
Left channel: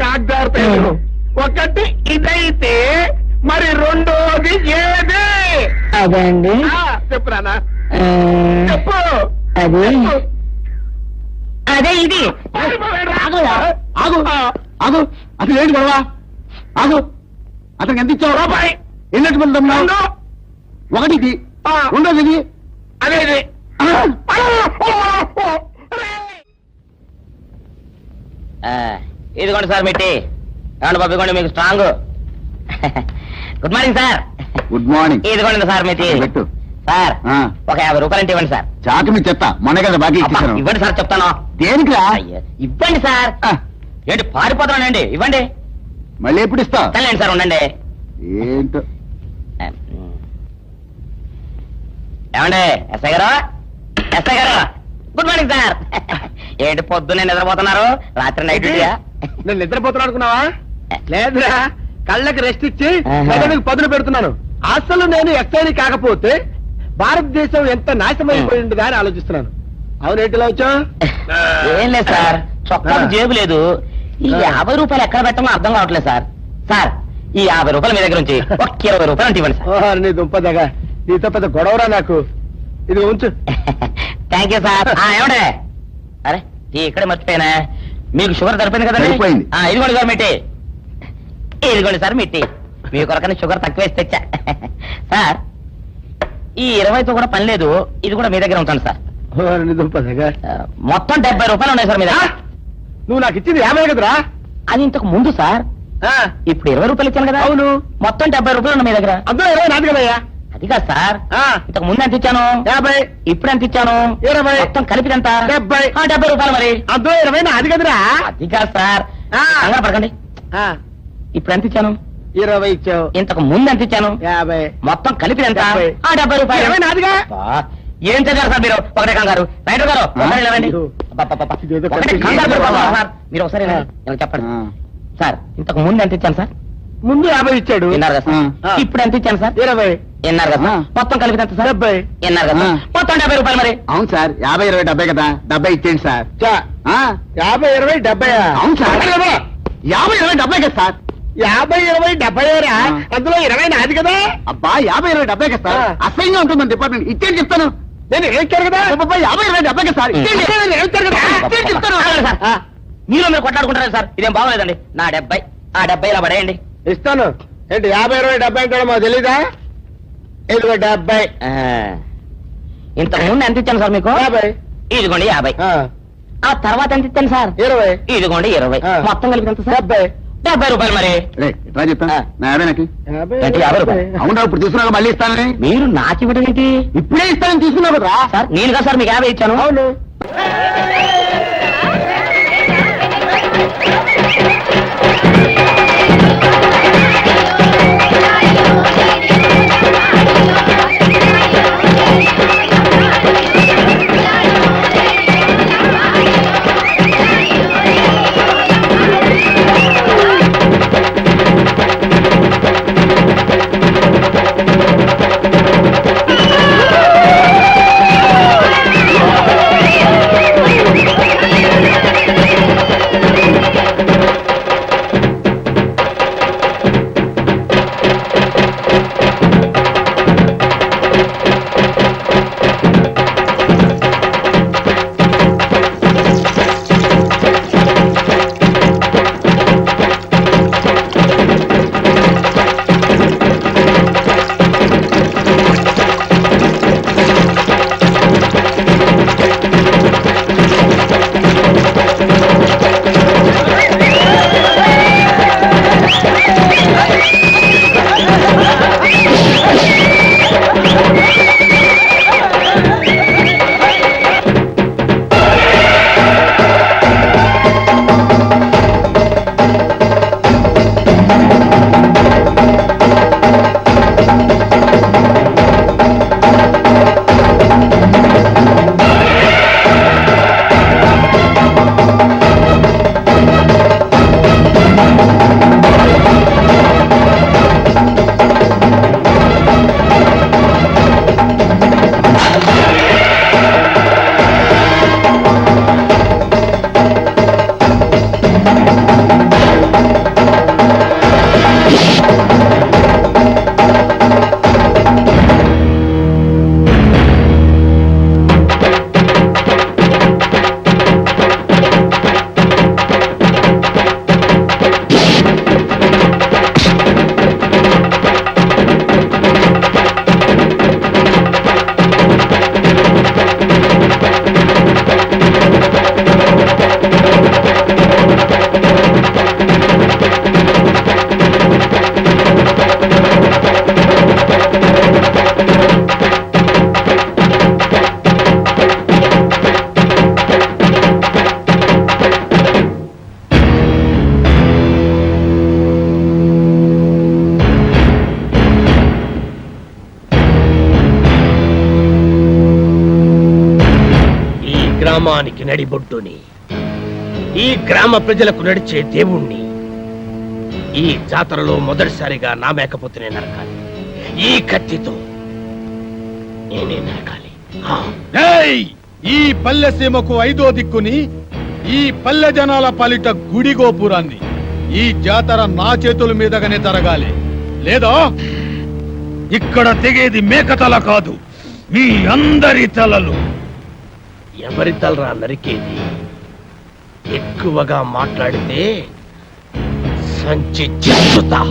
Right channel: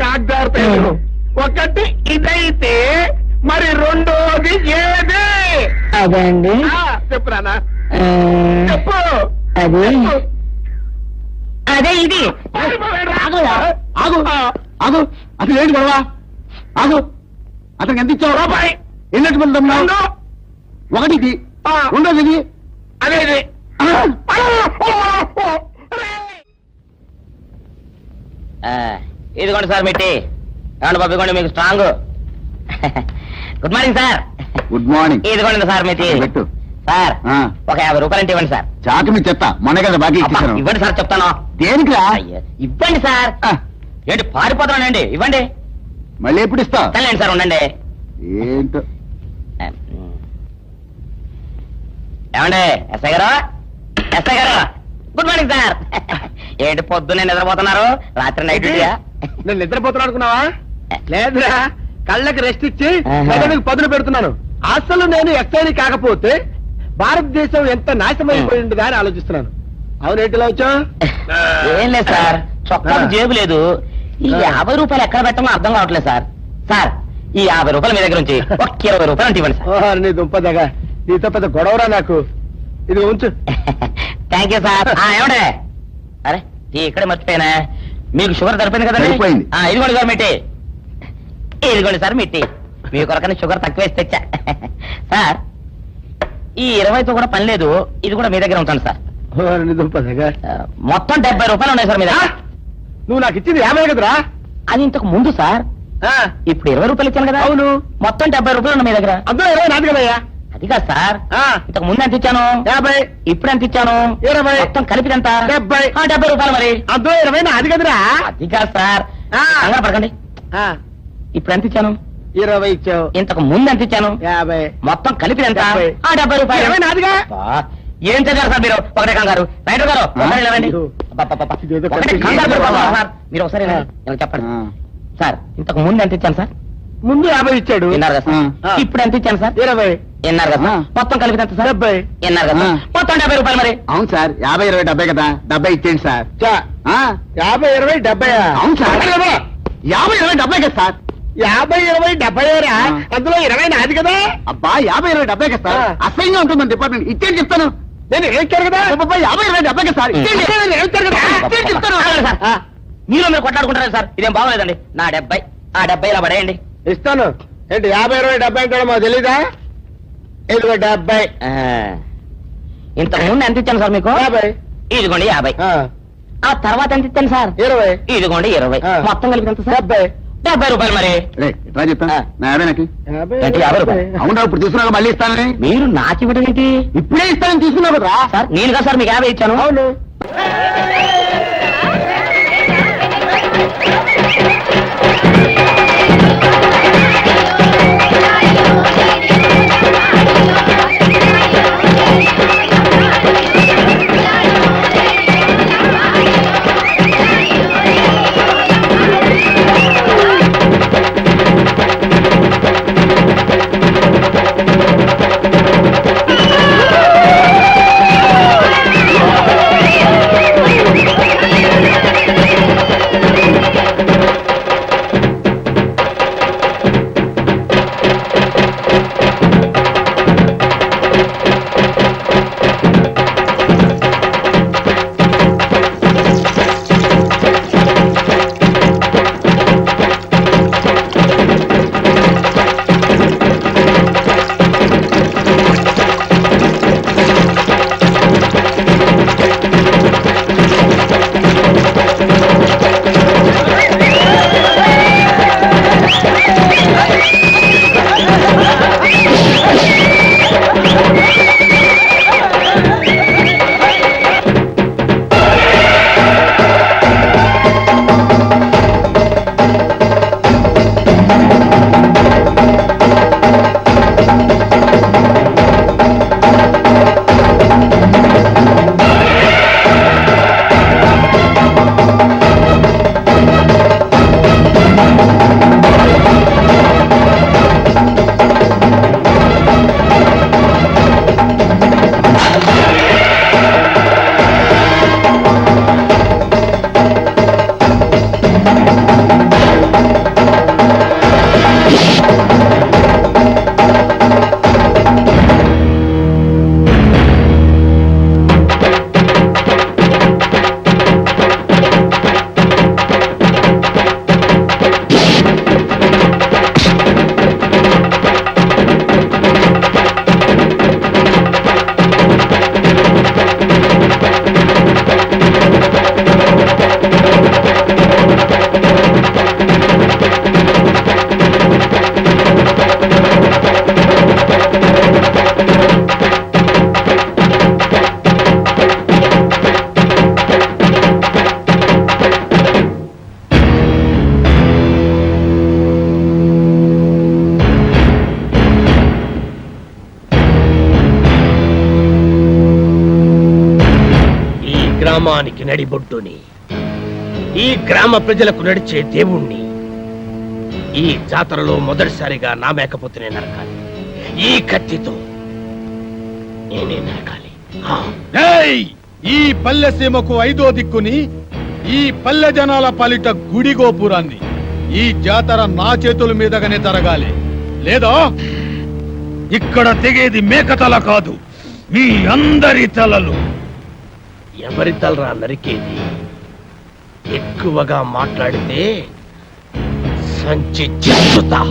కాగ్దారు ఒకటి ఇదైతే మరి రెండోది ఏది అదే అండి చెప్పు నాన్న చెప్పు అది అదే ఇది ఆగు ఆగు అసలు ఏంటి గొడవ ఆగు అతనికి ఎంత ఇచ్చావు రూపాయి ఎన్నట్టు వెళ్తాం ఒకటి ఇది రెండోది ఇది అదే ఇది ఇదిగోండి సార్ మిట్టి ఏమండి బాబు ఇదిగోండి మీకు strong good morning sir good morning ఇదిగోండి సార్ మిట్టి పెట్టు సార్ ఒక 50 రూపాయలు ఇవ్వండి సార్ చాకు మీ చెత్త మొన్న కదా బాకీ అబ్బా, ఇచ్చేసాను ఇవ్వండి సార్ చెప్తాను దేనికిరా అయ్యో, ఇవ్వండి సార్ ఏంటి పారిపోతున్నానండి ఇవ్వండి మళ్ళీ ఎప్పుడు ఇస్తావు తల్లండి సార్ ఉండండి ఏంటో ఏమండి ఎస్ఐ గారు ఎస్ఐ గారు గుడ్ మార్నింగ్ సార్ ఏంటి పొద్దున్నే నిద్రపోతున్నారు రాత్రి నైట్ డ్యూటీయా నేను నిద్రపోతున్నా అనుకున్నావా లేదురా కళ్ళకి రెస్ట్ ఇచ్చి ఆహా. మెదడుకు పదులు పెడుతున్నాను అసలు నేను ఎస్ఐని కాకపోతే భారతదేశం ఎంత నాశనమైపోయిందిగా అని ఆలోచిస్తున్నాను అవునేంటిలా వచ్చా ఏం లేదు సార్ చొక్కాకు జేబు లేదు ఈ 50 రూపాయలు ఎక్కడ పెట్టమో అర్థం కావట్లేదు సార్ సార్ ఈ 50 రూపాయలు మీ దగ్గర నుంచి ఒక 20 రూపాయలు అంటే ఇవ్వండి సార్ ఓహో నీ దుంపదగా నీతో పెద్ద గొడవరా నాకు ఇది ఉంచు థ్యాంక్ యూ సార్ ఏమండే అరే ఇక్కడే మర్చిపోయినా మీకు షుగర్ సరిపోయింది కదండి సరిపోయింది. ఇదిగోండి సార్ మిట్టి ఇదిగోండి సార్ మిట్టి మీ కొరకని షుగర్ తక్కువ వేసి తెచ్చా సార్ ఈ 20తో కూడా పని లేదు ఇది కూడా మీ దగ్గర ఉంటాను సార్ ఓ నీ దుంపదగా మొత్తం 70 రూపాయలు ఉన్నాయి సార్ మీ దగ్గర నువ్వు నాకు ఇచ్చింది 50 కదరా అది ఇంతకు ముందు సార్ ఇప్పుడు 20 రూపాయలు ఇచ్చాను కదా అవును మొత్తం 70 రూపాయలు ఉన్నాయి మీ దగ్గర అందులో 20 నాది కదయ్యా అది కాదు సార్ ఇంతకు ముందు ఎంత ఇచ్చాను 50 ఇప్పుడు ఎంత ఇచ్చాను 20 మొత్తం కలిపి ఎంత 70 70 రూపాయలు మరి అందులో 20 నాది కదరా అది కాదు సార్ కంగారు పడకండి ఇప్పుడు ఎంత ఇచ్చాను 20 ఇచ్చావు ఇంతకు ముందు ఎంత ఇచ్చాను 50 మొత్తం కలిపి ఎంత 70. 70 రూపాయలు 20 నాదిగా అబ్బా, ఏం చదివారు సార్ మీరు ఒకటే కంగారు రైటర్ గారు ఒకసారి నిలవండి. అయ్యో. అబ్బబ్బబ్బ. ఇదేదో ఒకటే పెద్ద కంగారు కేసు పడిపోతున్నారు బాబా. సార్. మీరు ఒకసారి ఇలా చెప్పండి సార్ ఇంతకు ముందు ఎంత ఇచ్చాను సార్ ముందు 50 ఇచ్చాడు విన్నారు కదా సార్ ఇప్పుడు ఎంత ఇచ్చాను సార్ 20 విన్నారు కదా సార్? మొత్తం కలిపి ఎంత సార్ 70 విన్నారు కదా సార్? మొత్తం 70 రూపాయలు మరి అవును సార్ 50 20 70 కదా 70 ఇచ్చేయండి సార్ చా, 50 20 70 అవును సార్ 50 20 70 కదా సార్ 50 20 70 రా అందులో 20 నాది కదా అబ్బా 50 20 70 కదా సార్ అసహ్యంగా ఉంటుంది మన డిపార్ట్మెంట్ ఇచ్చేయండి చెప్తాను నేను ఇచ్చారు కదా అబ్బబ్బా, 50 20 70 కదా సార్ ఇచ్చేయండి. నేను ఇచ్చారు కదా ఇచ్చేయండి చెప్తాను ఆగండి సార్. మీరు మీరు కొట్లాడుకుంటారు సార్ ఇదేం బాగోలేదండి నా 70 ఆ 70 ఇలా పడేయండి ఇస్తాను ఏంటి 50 20 70 అంటే మాకు తెలీదా ఇదిగో 70 ఇంతకు ముందు ఎంత ఇచ్చాను సార్ మీకు 50 ఇదిగోండి 50 ఆ, ఆ తర్వాత ఎంత ఇస్తాను సార్? 20. ఇదిగోండి 20. ఆ. మొత్తం కలిపి ఎంత సార్? 70. 70 రూపాయలు మరి. ఎట్లా చెప్తా నా 50 నాకు 50 రూపాయలు. అవునా ఇప్పుడు తీసుకున్నాక మళ్ళీ ఇస్తానని మీరు నాకు ఇవ్వడం ఏంటి? ఇప్పుడే ఇస్తానని తీసుకున్నావు కదా సార్ నేను కదా సార్ మీకు 50 ఇచ్చాను. అవును. గ్రామానికి నడిబొడ్డుని, ఈ గ్రామ ప్రజలకు నడిచే దేవుణ్ణి ఈ జాతరలో మొదటిసారిగా నా మేకపోతేనే నరకాలి. ఈ కత్తితో నేనే నరకాలి. ఈ పల్లె సీమకు 5వ దిక్కుని, ఈ పల్లె జనాల పాలిట గుడి గోపురాన్ని ఈ జాతర నా చేతుల మీదగానే జరగాలి. లేదా ఇక్కడ తెగేది మేకతల కాదు, మీ అందరి తలలు. ఎవరి తలరా నరికేది? ఎక్కువగా మాట్లాడితే సంచి చెత్తుతా.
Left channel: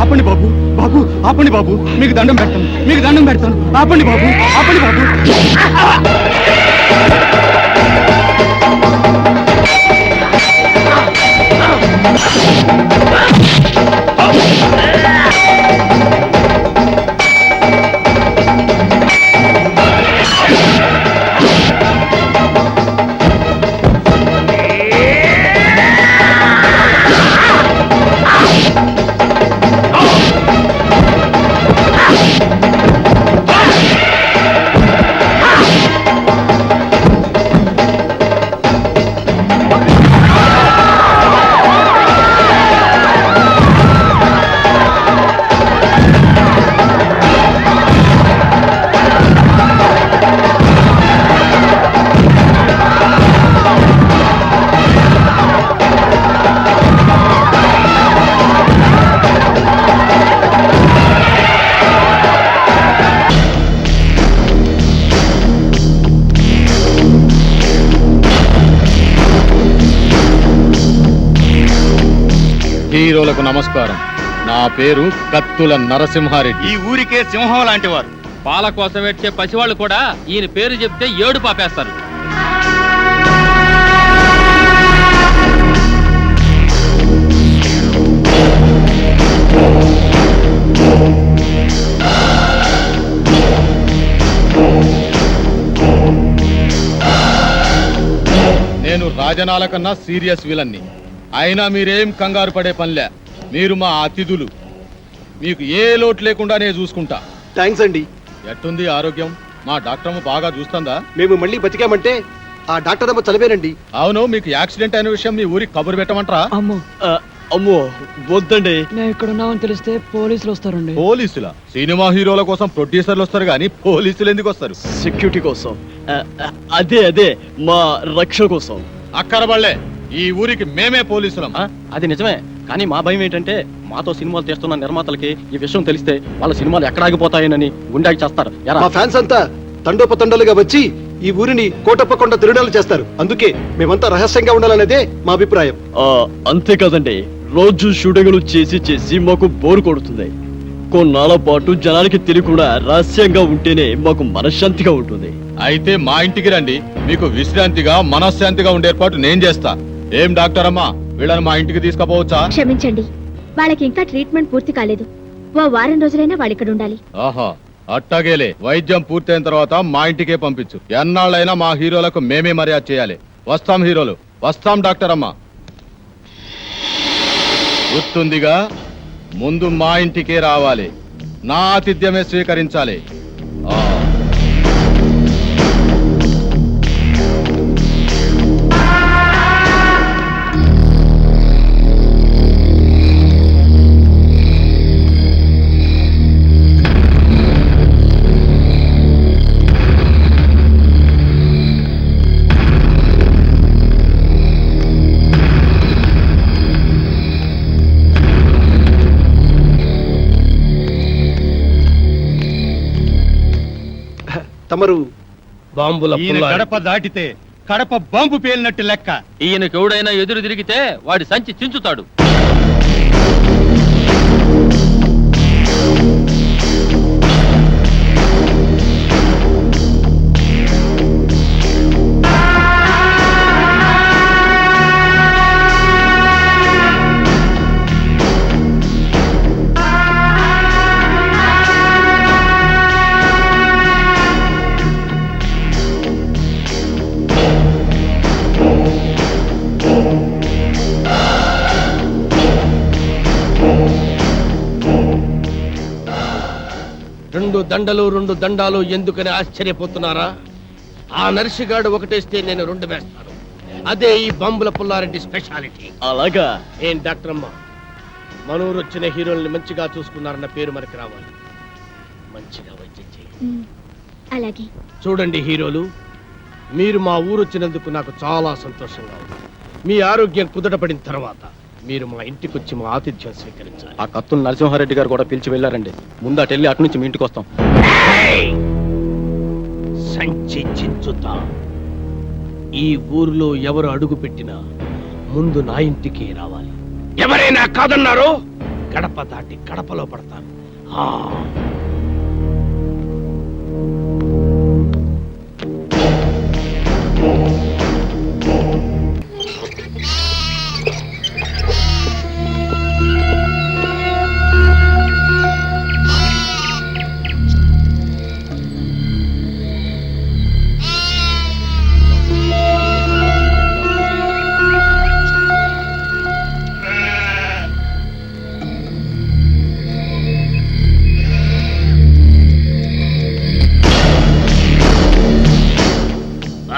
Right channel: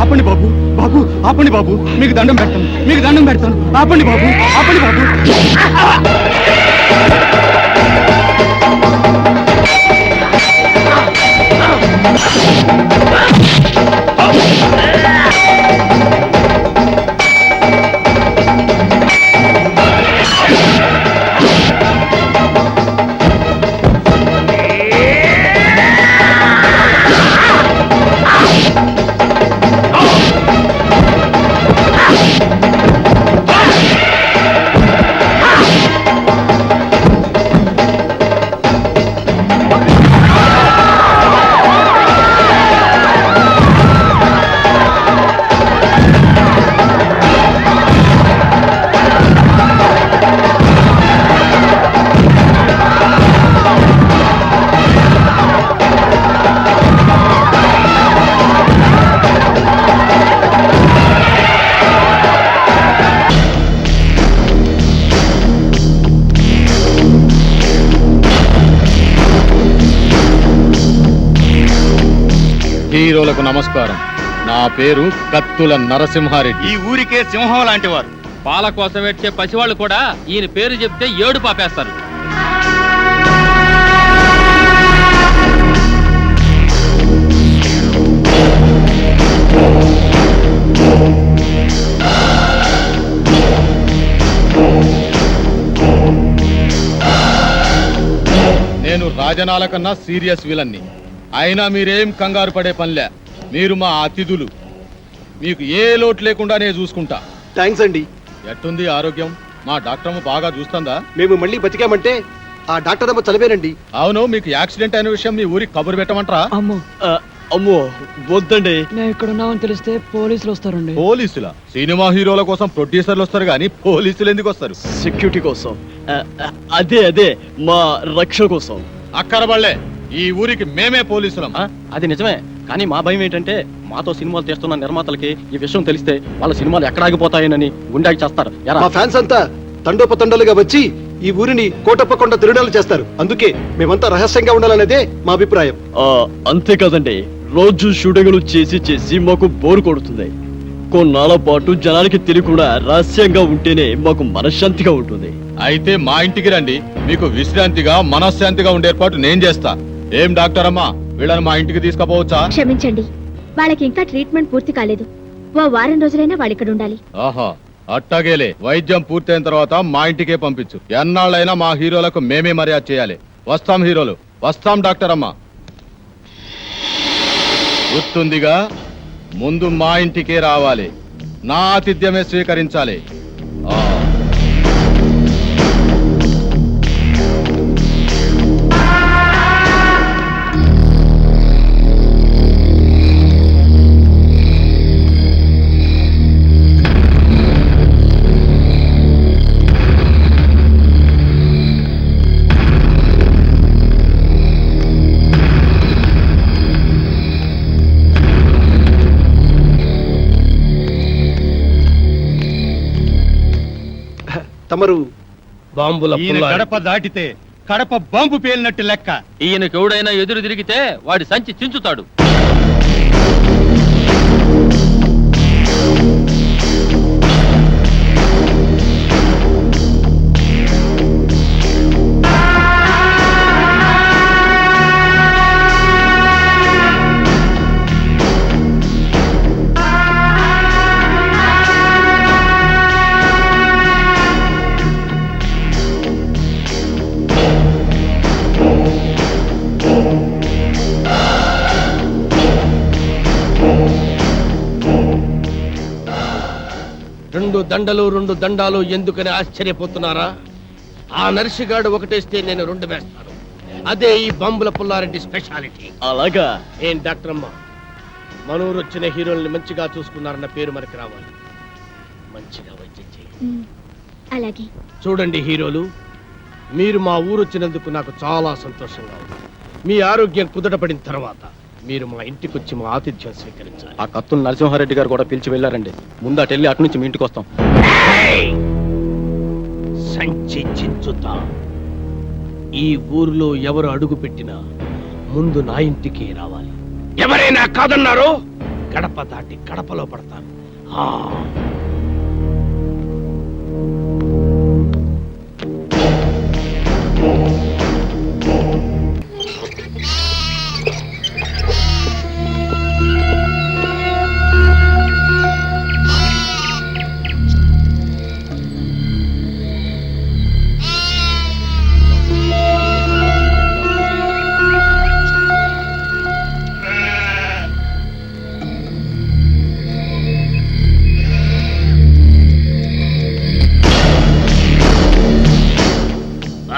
ఆపండి బాబు, బాబు ఆపండి బాబు, మీకు దండం పెడతాను, మీకు దండం పెడతాను. ఆపండి బాబు, ఆపండి బాబు. హీరోలకు నమస్కారం. నా పేరు కత్తుల నరసింహారెడ్డి. ఈ ఊరికే సింహం లాంటి వారు. పాల కోసం వచ్చే పసివాళ్ళు కూడా ఈయన పేరు చెప్తే ఏడు పాపేస్తారు. నేను రాజనాల కన్నా సీరియస్ విలన్ని. అయినా మీరేం కంగారు పడే పనిలే. మీరు మా అతిథులు. మీకు ఏ లోటు లేకుండా నేను చూసుకుంటా. థ్యాంక్స్ అండి. ఎట్టుంది ఆరోగ్యం? మా డాక్టర్ బాగా చూస్తుందా? మేము మళ్ళీ బతికామంటే ఆ డాక్టర్ అమ్మ చదివేనండి. అవును, మీకు యాక్సిడెంట్ అయిన విషయం మీ ఊరికి కబురు పెట్టమంటారా? అమ్మో వద్దండి. మేము ఇక్కడ ఉన్నామని తెలిస్తే పోలీసులు వస్తారండి. పోలీసులా? సినిమా హీరోల కోసం ప్రొడ్యూసర్లు వస్తారు కానీ పోలీసులు ఎందుకు వస్తారు? సెక్యూరిటీ కోసం. అదే మా రక్షణ కోసం. అక్కరబళ్ళే, ఈ ఊరికి మేమే పోలీసులం. అది నిజమే, కానీ మా భయం ఏంటంటే మాతో సినిమాలు తీస్తున్న నిర్మాతలకి ఈ విషయం తెలిస్తే వాళ్ళ సినిమాలు ఎక్కడ ఆగిపోతాయనని గుండాకి చేస్తారు. మా ఫ్యాన్స్ అంతా తండోపతండాలుగా వచ్చి ఈ ఊరిని కోటప్పకొండ తిరునాలు చేస్తారు. అందుకే మేమంతా రహస్యంగా ఉండాలనేదే మా అభిప్రాయం. అంతే కదండి, రోజు షూటింగ్లు చేసి మాకు బోరు కొడుతుంది. కొన్నాళ్ళ పాటు జనానికి తెలియకుండా రహస్యంగా ఉంటేనే మాకు మనశ్శాంతిగా ఉంటుంది. అయితే మా ఇంటికి రండి, మీకు విశ్రాంతిగా మనశ్శాంతిగా ఉండే ఏర్పాటు నేను చేస్తా. ఏం డాక్టర్ అమ్మా, వీళ్ళని మా ఇంటికి తీసుకుపోవచ్చా? క్షమించండి, వాళ్ళకి ఇంకా ట్రీట్మెంట్ పూర్తి కాలేదు. ఓ వారం రోజులైనా వాళ్ళు ఇక్కడ ఉండాలి. ఆహా, అట్టాగేలే. వైద్యం పూర్తయిన తర్వాత మా ఇంటికే పంపించు. ఎన్నాళ్ళైనా మా హీరోలకు మేమే మర్యాద చేయాలి. వస్తాం హీరోలు, వస్తాం డాక్టర్ అమ్మా. గుర్తుందిగా, ముందు మా ఇంటికే రావాలి, నా ఆతిథ్యమే స్వీకరించాలి. తమరు బాంబుల ఈయన పుల్లారెడ్డి. గడప దాటితే కడప బాంబు పేలినట్టు లెక్క. ఈయనకు ఎవడైనా ఎదురు తిరిగితే వాడి సంచి చించుతాడు. రెండు దండాలు ఎందుకని ఆశ్చర్యపోతున్నారా? ఆ నర్సిగాడు ఒకటేస్తే నేను 2 వేస్తాను. అదే ఈ బాంబుల పుల్లారెడ్డి స్పెషాలిటీ. అలాగా? ఏం డాక్టర్ అమ్మ, మనూరు వచ్చిన హీరోల్ని మంచిగా చూసుకున్నారన్న పేరు మనకి రావాలి. మంచిగా వైద్యం చేయండి. అలాగే. చూడండి హీరోలు, మీరు మా ఊరు వచ్చినందుకు నాకు చాలా సంతోషంగా ఉంది. మీ ఆరోగ్యం కుదటపడిన తర్వాత మీరు మా ఇంటికి వచ్చి మా ఆతిథ్యం స్వీకరించాలి. ఆ కత్తుల నరసింహారెడ్డి గారు కూడా పిలిచి వెళ్ళారండి. ముందు అటు వెళ్ళి అటు నుంచి మీ ఇంటికి వస్తాం. సంచి చించుతా. ఈ ఊర్లో ఎవరు అడుగు పెట్టినా ముందు నా ఇంటికి రావాలి. ఎవరైనా కాదన్నారో గడప దాటి గడపలో పడతాను.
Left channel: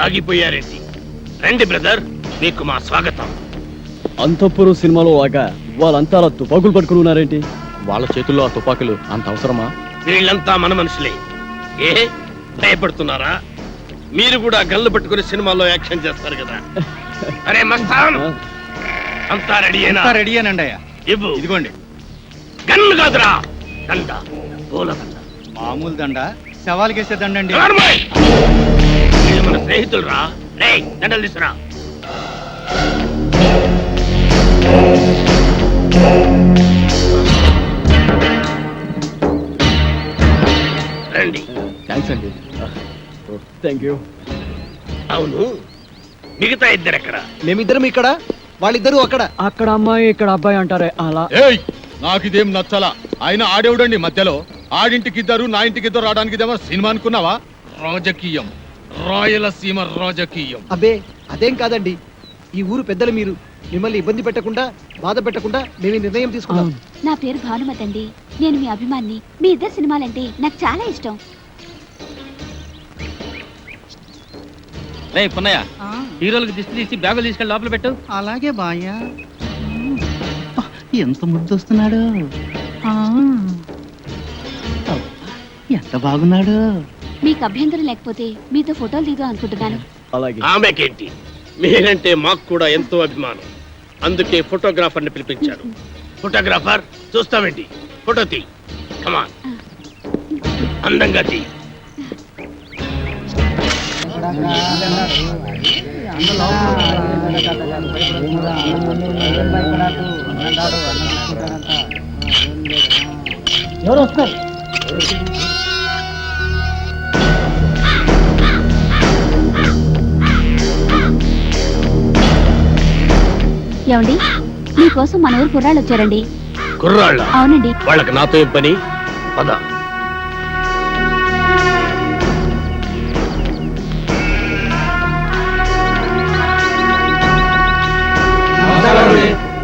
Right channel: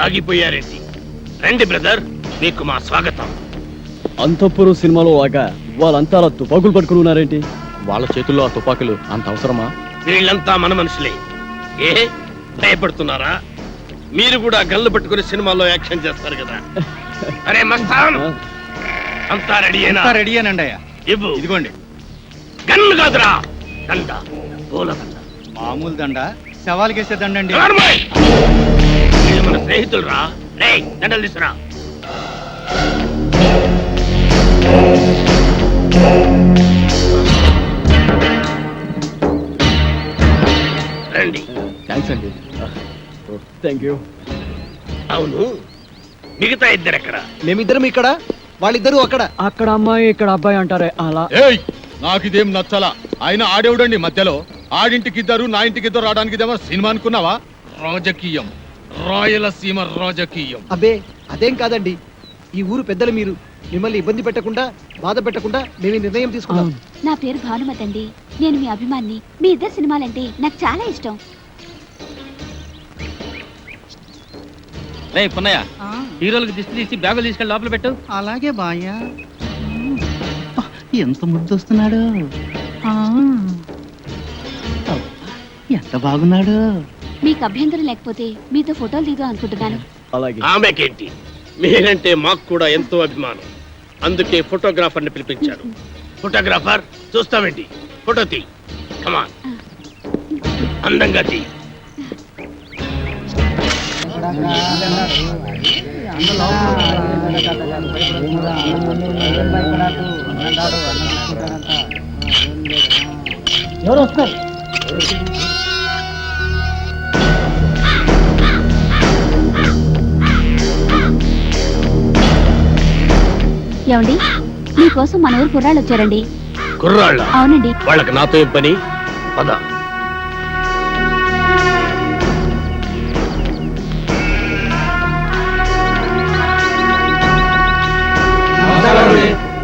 ఆగిపోయారేంటి? రండి బ్రదర్, మీకు మా స్వాగతం. అంతఃపురం సినిమాలో లాగా వాళ్ళంతా అలా తుపాకులు పట్టుకుని ఉన్నారేంటి? వాళ్ళ చేతుల్లో ఆ తుపాకులు అంత అవసరమా? వీళ్ళంతా మన మనుషులే. ఏ భయపడుతున్నారా? మీరు కూడా గన్లు పట్టుకుని సినిమాల్లో యాక్షన్ చేస్తారు కదా. అరే మస్తాన్, అంతా రెడీయేనా? రెడీయేనండి అయ్యా. ఇవ్వు. ఇదిగోండి. గన్ను కాదురా, దండ, పూల దండ. మామూలు దండ, సవాల్కేసే దండండి. నార్మల్. వీళ్ళు మన స్నేహితులు రా. రే, దండలు తీసురా. రండి. థ్యాంక్స్ అండి. Thank you. అవును, మిగతా ఇద్దరు ఎక్కడ? మేమిద్దరం ఇక్కడ, వాళ్ళిద్దరూ అక్కడ. అక్కడ అమ్మాయి ఇక్కడ అబ్బాయి అంటారే అలా. ఏయ్ నాకిదేం నచ్చలా. ఆయన ఆడేవుడండి మధ్యలో. ఆడింటికి ఇద్దరు, నా ఇంటికి ఇద్దరు రావడానికి ఇదేమో సినిమా అనుకున్నావా? రాజకీయం, రాయలసీమ రాజకీయం. అబ్బే అదేం కాదండి, ఈ ఊరు పెద్దలు మీరు. మిమ్మల్ని ఇబ్బంది పెట్టకుండా, బాధ పెట్టకుండా మేము ఈ నిర్ణయం తీసుకున్నాం. నా పేరు భానుమతి అండి. నేను మీ అభిమాన్ని. మీ ఇద్దరు సినిమాలంటే నాకు చాలా ఇష్టం. రే పున్నయ్య, హీరోలకు దిష్టి తీసి బ్యాగులు తీసుకెళ్ళి లోపల పెట్టు. అలాగే బాయ్యా. ఎంత ముద్దొస్తున్నాడు, ఎంత బాగున్నాడు. మీకు అభ్యంతరం లేకపోతే మీతో ఫోటోలు దిగుదాం అనుకుంటున్నాను. అలాగే. ఆమెకేంటి, మీరంటే మాకు కూడా ఎంతో అభిమానం. అందుకే ఫోటోగ్రాఫర్ని పిలిపించారు. ఫోటోగ్రాఫర్, చూస్తామేంటి, ఫోటో తీ. కమాన్, అందంగా తీ. ఎవరు వస్తారు? ఏమండి, మీకోసం మన ఊరు కుర్రాళ్ళు వచ్చారండి. కుర్రాళ్ళ? అవునండి. వాళ్ళకి నాతో ఏం పని? పద.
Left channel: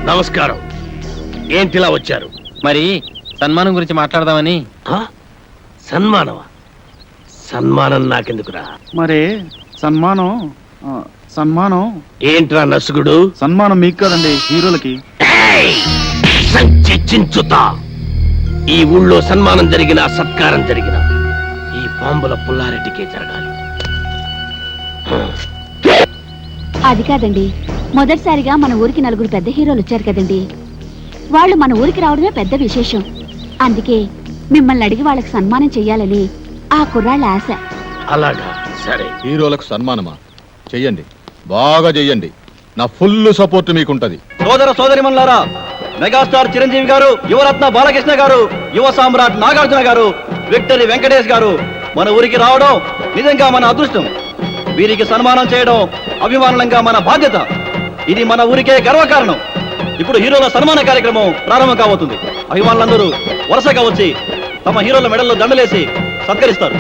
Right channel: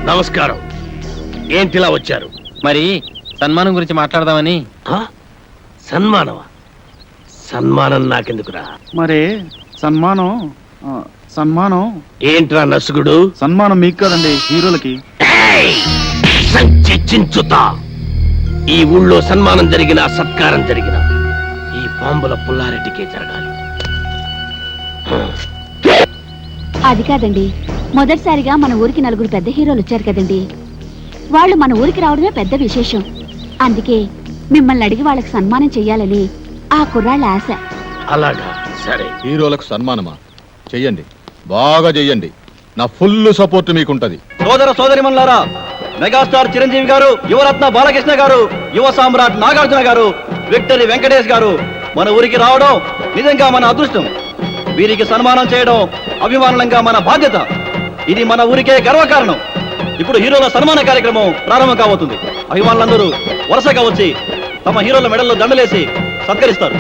నమస్కారం. ఏంటిలా వచ్చారు? మరి సన్మానం గురించి మాట్లాడదామని. ఆ? సన్మానమా? సన్మానం నాకెందుకురా? మరి సన్మానం సన్మానం ఏంట్రా నసుగుడు? సన్మానం మీకు కదండి, హీరోలకి. ఏయ్! సంచి చించుతా. ఈ ఊళ్ళో సన్మానం జరిగిన, సత్కారం జరిగిన ఈ బాంబుల పుల్లారెడ్డికే జరగాలి. అది కాదండి, మొదటిసారిగా మన ఊరికి నలుగురు పెద్ద హీరోలు వచ్చారు కదండి. వాళ్ళు మన ఊరికి రావడమే పెద్ద విశేషం. అందుకే మిమ్మల్ని అడిగి వాళ్ళకి సన్మానం చెయ్యాలని ఆ కుర్రాళ్ళ ఆశ. అలాగా, సరే. హీరోలకు సన్మానమా? చెయ్యండి, బాగా చెయ్యండి. నా ఫుల్ సపోర్ట్ మీకుంటది. సోదర సోదరిమణులారా, మెగాస్టార్ చిరంజీవి గారు, యువరత్న బాలకృష్ణ గారు, యువ సామ్రాట్ నాగార్జున గారు, విక్టరీ వెంకటేష్ గారు మన ఊరికి రావడం నిజంగా మన అదృష్టం. వీరికి సన్మానం చేయడం అభిమానంగా మన బాధ్యత. ఇది మన ఊరికే గర్వకారణం. ఇప్పుడు హీరోల సన్మాన కార్యక్రమం ప్రారంభం కాబోతుంది. అభిమానులందరూ వరుసగా వచ్చి తమ హీరోల మెడల్లో దండలేసి సత్కరిస్తారు.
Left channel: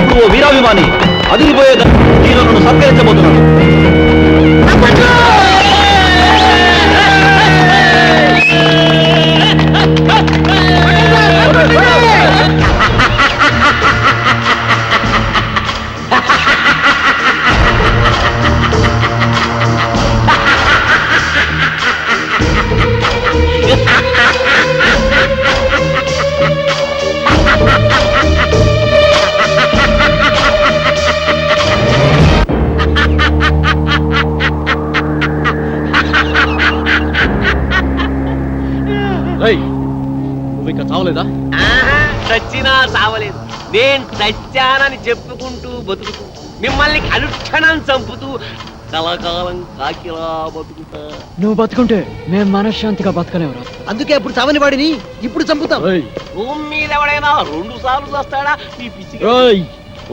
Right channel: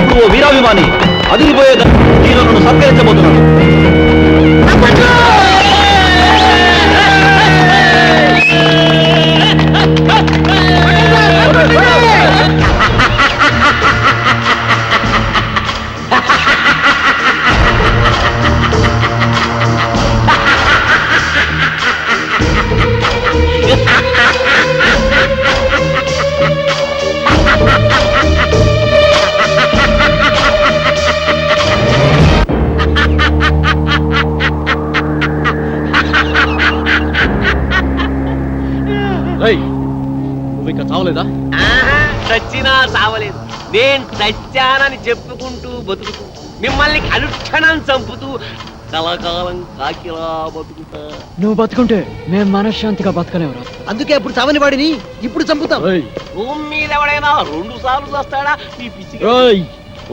ఇప్పుడు ఓ వీరాభిమాని అదిరిపోయే హీరోలను సత్కరించబోతున్నాడు. నువ్వు ఇంకా చావలేదా? చచ్చినా చావలేదు. నేను చచ్చానని చెప్పుకుంటూ బతుకుతూ, మిమ్మల్ని అనుక్షణం చంపుతూ కలకాలం కాకిలా బతుకుతా. నువ్వు బతుకుంటే మేము మనశ్శాంతిగా బతకలేవురా. అందుకే అప్పుడు చావని వాడిని ఇప్పుడు చంపుతాం. భూమి మీద ఎవడైనా 2 సార్లు వస్తాడా? ఈ పిచ్చి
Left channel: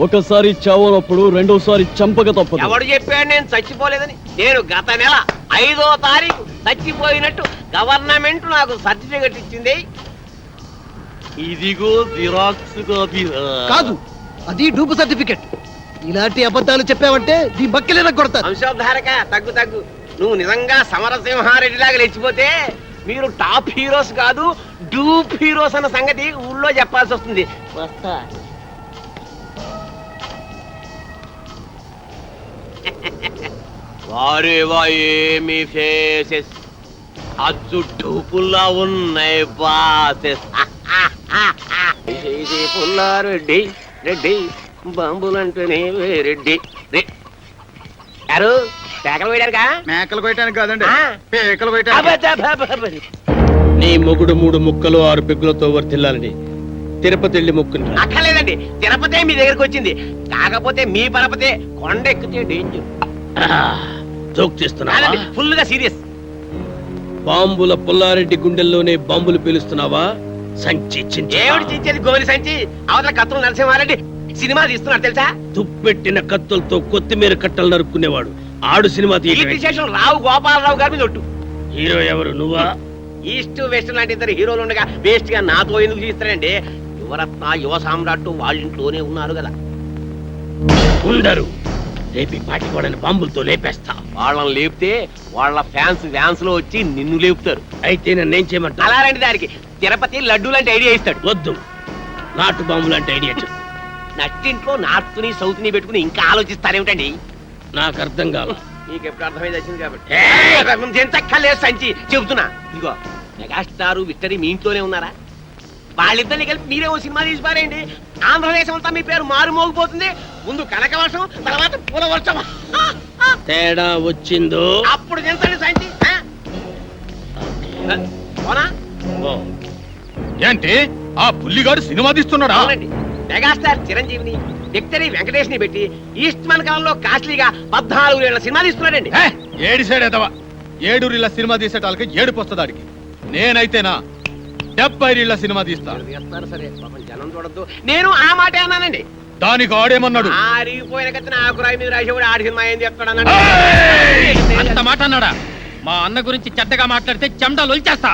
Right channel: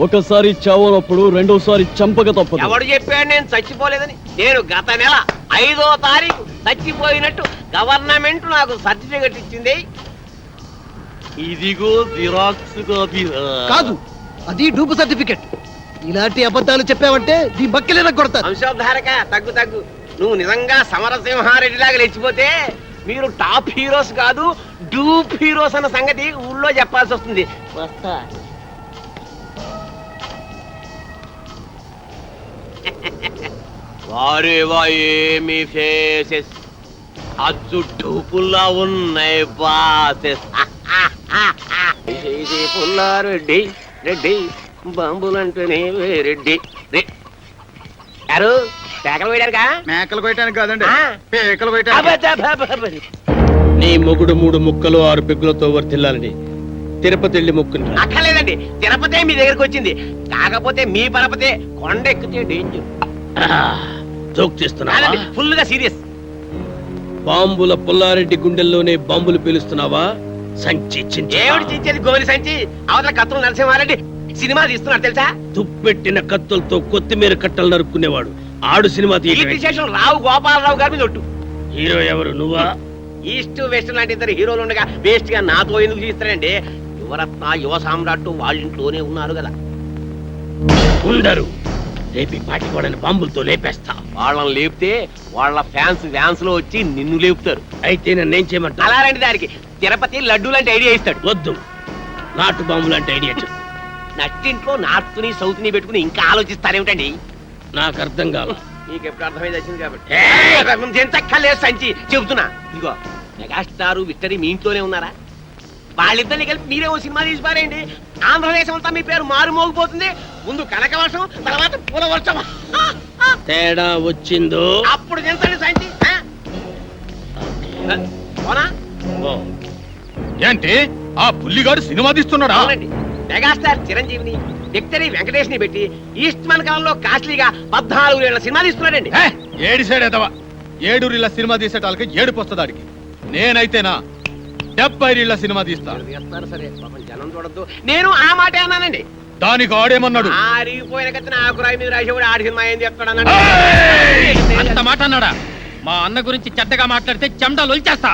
ఒకసారి చావనప్పుడు రెండోసారి చంపక తప్పదు. ఎవడు చెప్పాడు నేను చచ్చిపోలేదని? నేను గత నెల 5వ తారీఖు చచ్చిపోయినట్టు గవర్నమెంట్ నాకు సర్టిఫికెట్ ఇచ్చింది. ఇదిగో జిరాక్స్ కాపీ. కాదు, అది డూపు సర్టిఫికెట్. ఇలాంటి అబద్ధాలు చెప్పావంటే నీ బక్కెలేనా కొడతాను. వంశోద్ధారక, తగ్గు తగ్గు. నువ్వు నిజంగా సమరసింహారెడ్డి లాగా లేచిపోతే మీరు టాప్ హీరోస్ కాదు, డూప్ హీరోస్ అన్న సంగతి ఊళ్ళో చెప్పాల్సి వస్తుంది. వస్తా. వారేవా ఏమి ఫేసెస్, అచ్చు డూపుల్లా ఉన్నాయి బాసెస్. పుల్లారెడ్డి రెడ్డి బాంబులు అంటేనే రెడ్డి గారు పేకలు వేయడానికా మేకలు కొయ్యటానికి కాదండి ఆ. పేకలు అబ్బబ్బబ్బబ్బబ్బ. నీ మొగుడు 3 ముక్కలు 6 పెగ్గులతో వర్తిల్లాలని తిరుపతి వెళ్ళి మొక్కుంది. అక్కర్లేదండి తిరుపతే మీ దగ్గరకు వచ్చింది. కాకపోతే మీ పరపతే కొండ ఎక్కితే డేంజర్. జోక్ చేస్తున్నావా? ఫుల్ గా సీరియస్. బాంబుల పుల్లారెడ్డి గుండెల్లోనే బాంబులు పేలుస్తున్నావా? సంచి చించి ఏమిటి చించేది గోలి సంచి? అవతల కత్తులు నరసింహారెడ్డి సినిమా తీస్తున్నారు తెలుసా? తుప్పెట్టిన కత్తులతో కొత్తిమీర కట్టలు నరుక్కునేవాడు ఆడు సినిమా కీర్తి తీయటం. శేషం రావు గోపాలరావు గారి మీద ఒట్టు. హీరో ఎవరు? నువ్వా? ఈస్ట్ వెస్ట్ లాంటి ఇద్దరు హీరోలు ఉండగా వేస్ట్ గా నాతో ఎందుకు తీస్తారండి? యువరత్న యువ సామ్రాట్ వాళ్ళ ఇంట్లోనే ఉన్నారు కదా. ఉండరు. రేపి పాటి వాళ్ళని బాంబులతో లేపేస్తా. వాళ్ళని లేపితే వాళ్ళ ఫ్యాన్స్ లో వచ్చి నిన్ను లేపుతారు. అయితే నన్నేం చేయమంటా? అలా రండి దానికి తిరుపతి లడ్డు లాంటి ఐడియా ఇస్తాడు. వద్దు, నాటు బాంబు లాంటి ఐడియా చెప్పు. నట్టింట్లో నార్త్ ని సౌత్ ని పెట్టుకుని ఇంకా ఆలోచిస్తారేమిటండి? నాకు అర్థం కాల. నీకు ఎప్పుడు అర్థమైంది వచ్చింది కాబట్టి ఎంతక్కర్లేదు సంచి చెబుతున్నా. ఇదిగో మెగాస్టార్ విక్టరీ మీ ఇంట్లోనే ఉన్నారా? వాళ్ళిద్దరిని కలిపి మీరే ఓ సినిమా తీసి పారేయండి. ఆంధ్రదేశం అంతా మీ పేరు మారు మోగిపోతుంది. ముందు కనక వర్షం, తర్వాత పూల వర్షం. తేడా వచ్చిందో అప్పుడు ఎంతండి సంచి? పోనా? ఓ. ఏంటి ఆ పుల్లిగాడు సినిమా తీస్తున్నాడా? అవునండి. మెగాస్టార్ చిరంజీవిని విక్టరీ వెంకటేష్ ని పెట్టి ఈస్ట్ మన కాలంలో కాస్ట్లీగా 14 ఏళ్ల సినిమా తీస్తున్నాడండి. ఏడి సైడ్ ఎదవా 7 రీళ్ళ సినిమా తీసేటాలకి ఏడుపు వస్తుంది. నేనైతేనా 70 రీళ్ళ సినిమా తీస్తా. చేస్తారు సరే, పాపం జనం చూడద్దు. నేను ఆ మాట అన్నానండి. దానికి ఆడేమన్నాడు? ఆరిగిపోయిన కత్తిన ఆకురాయి మీద రాసేవాడు ఆడి సినిమా ఏం చెప్తాడు ఏయ్! అన్నాడు. అంత మాట అన్నాడా? మా అన్న గురించి చెడ్డగా మాట్లాడితే చెమటలు వచ్చేస్తా.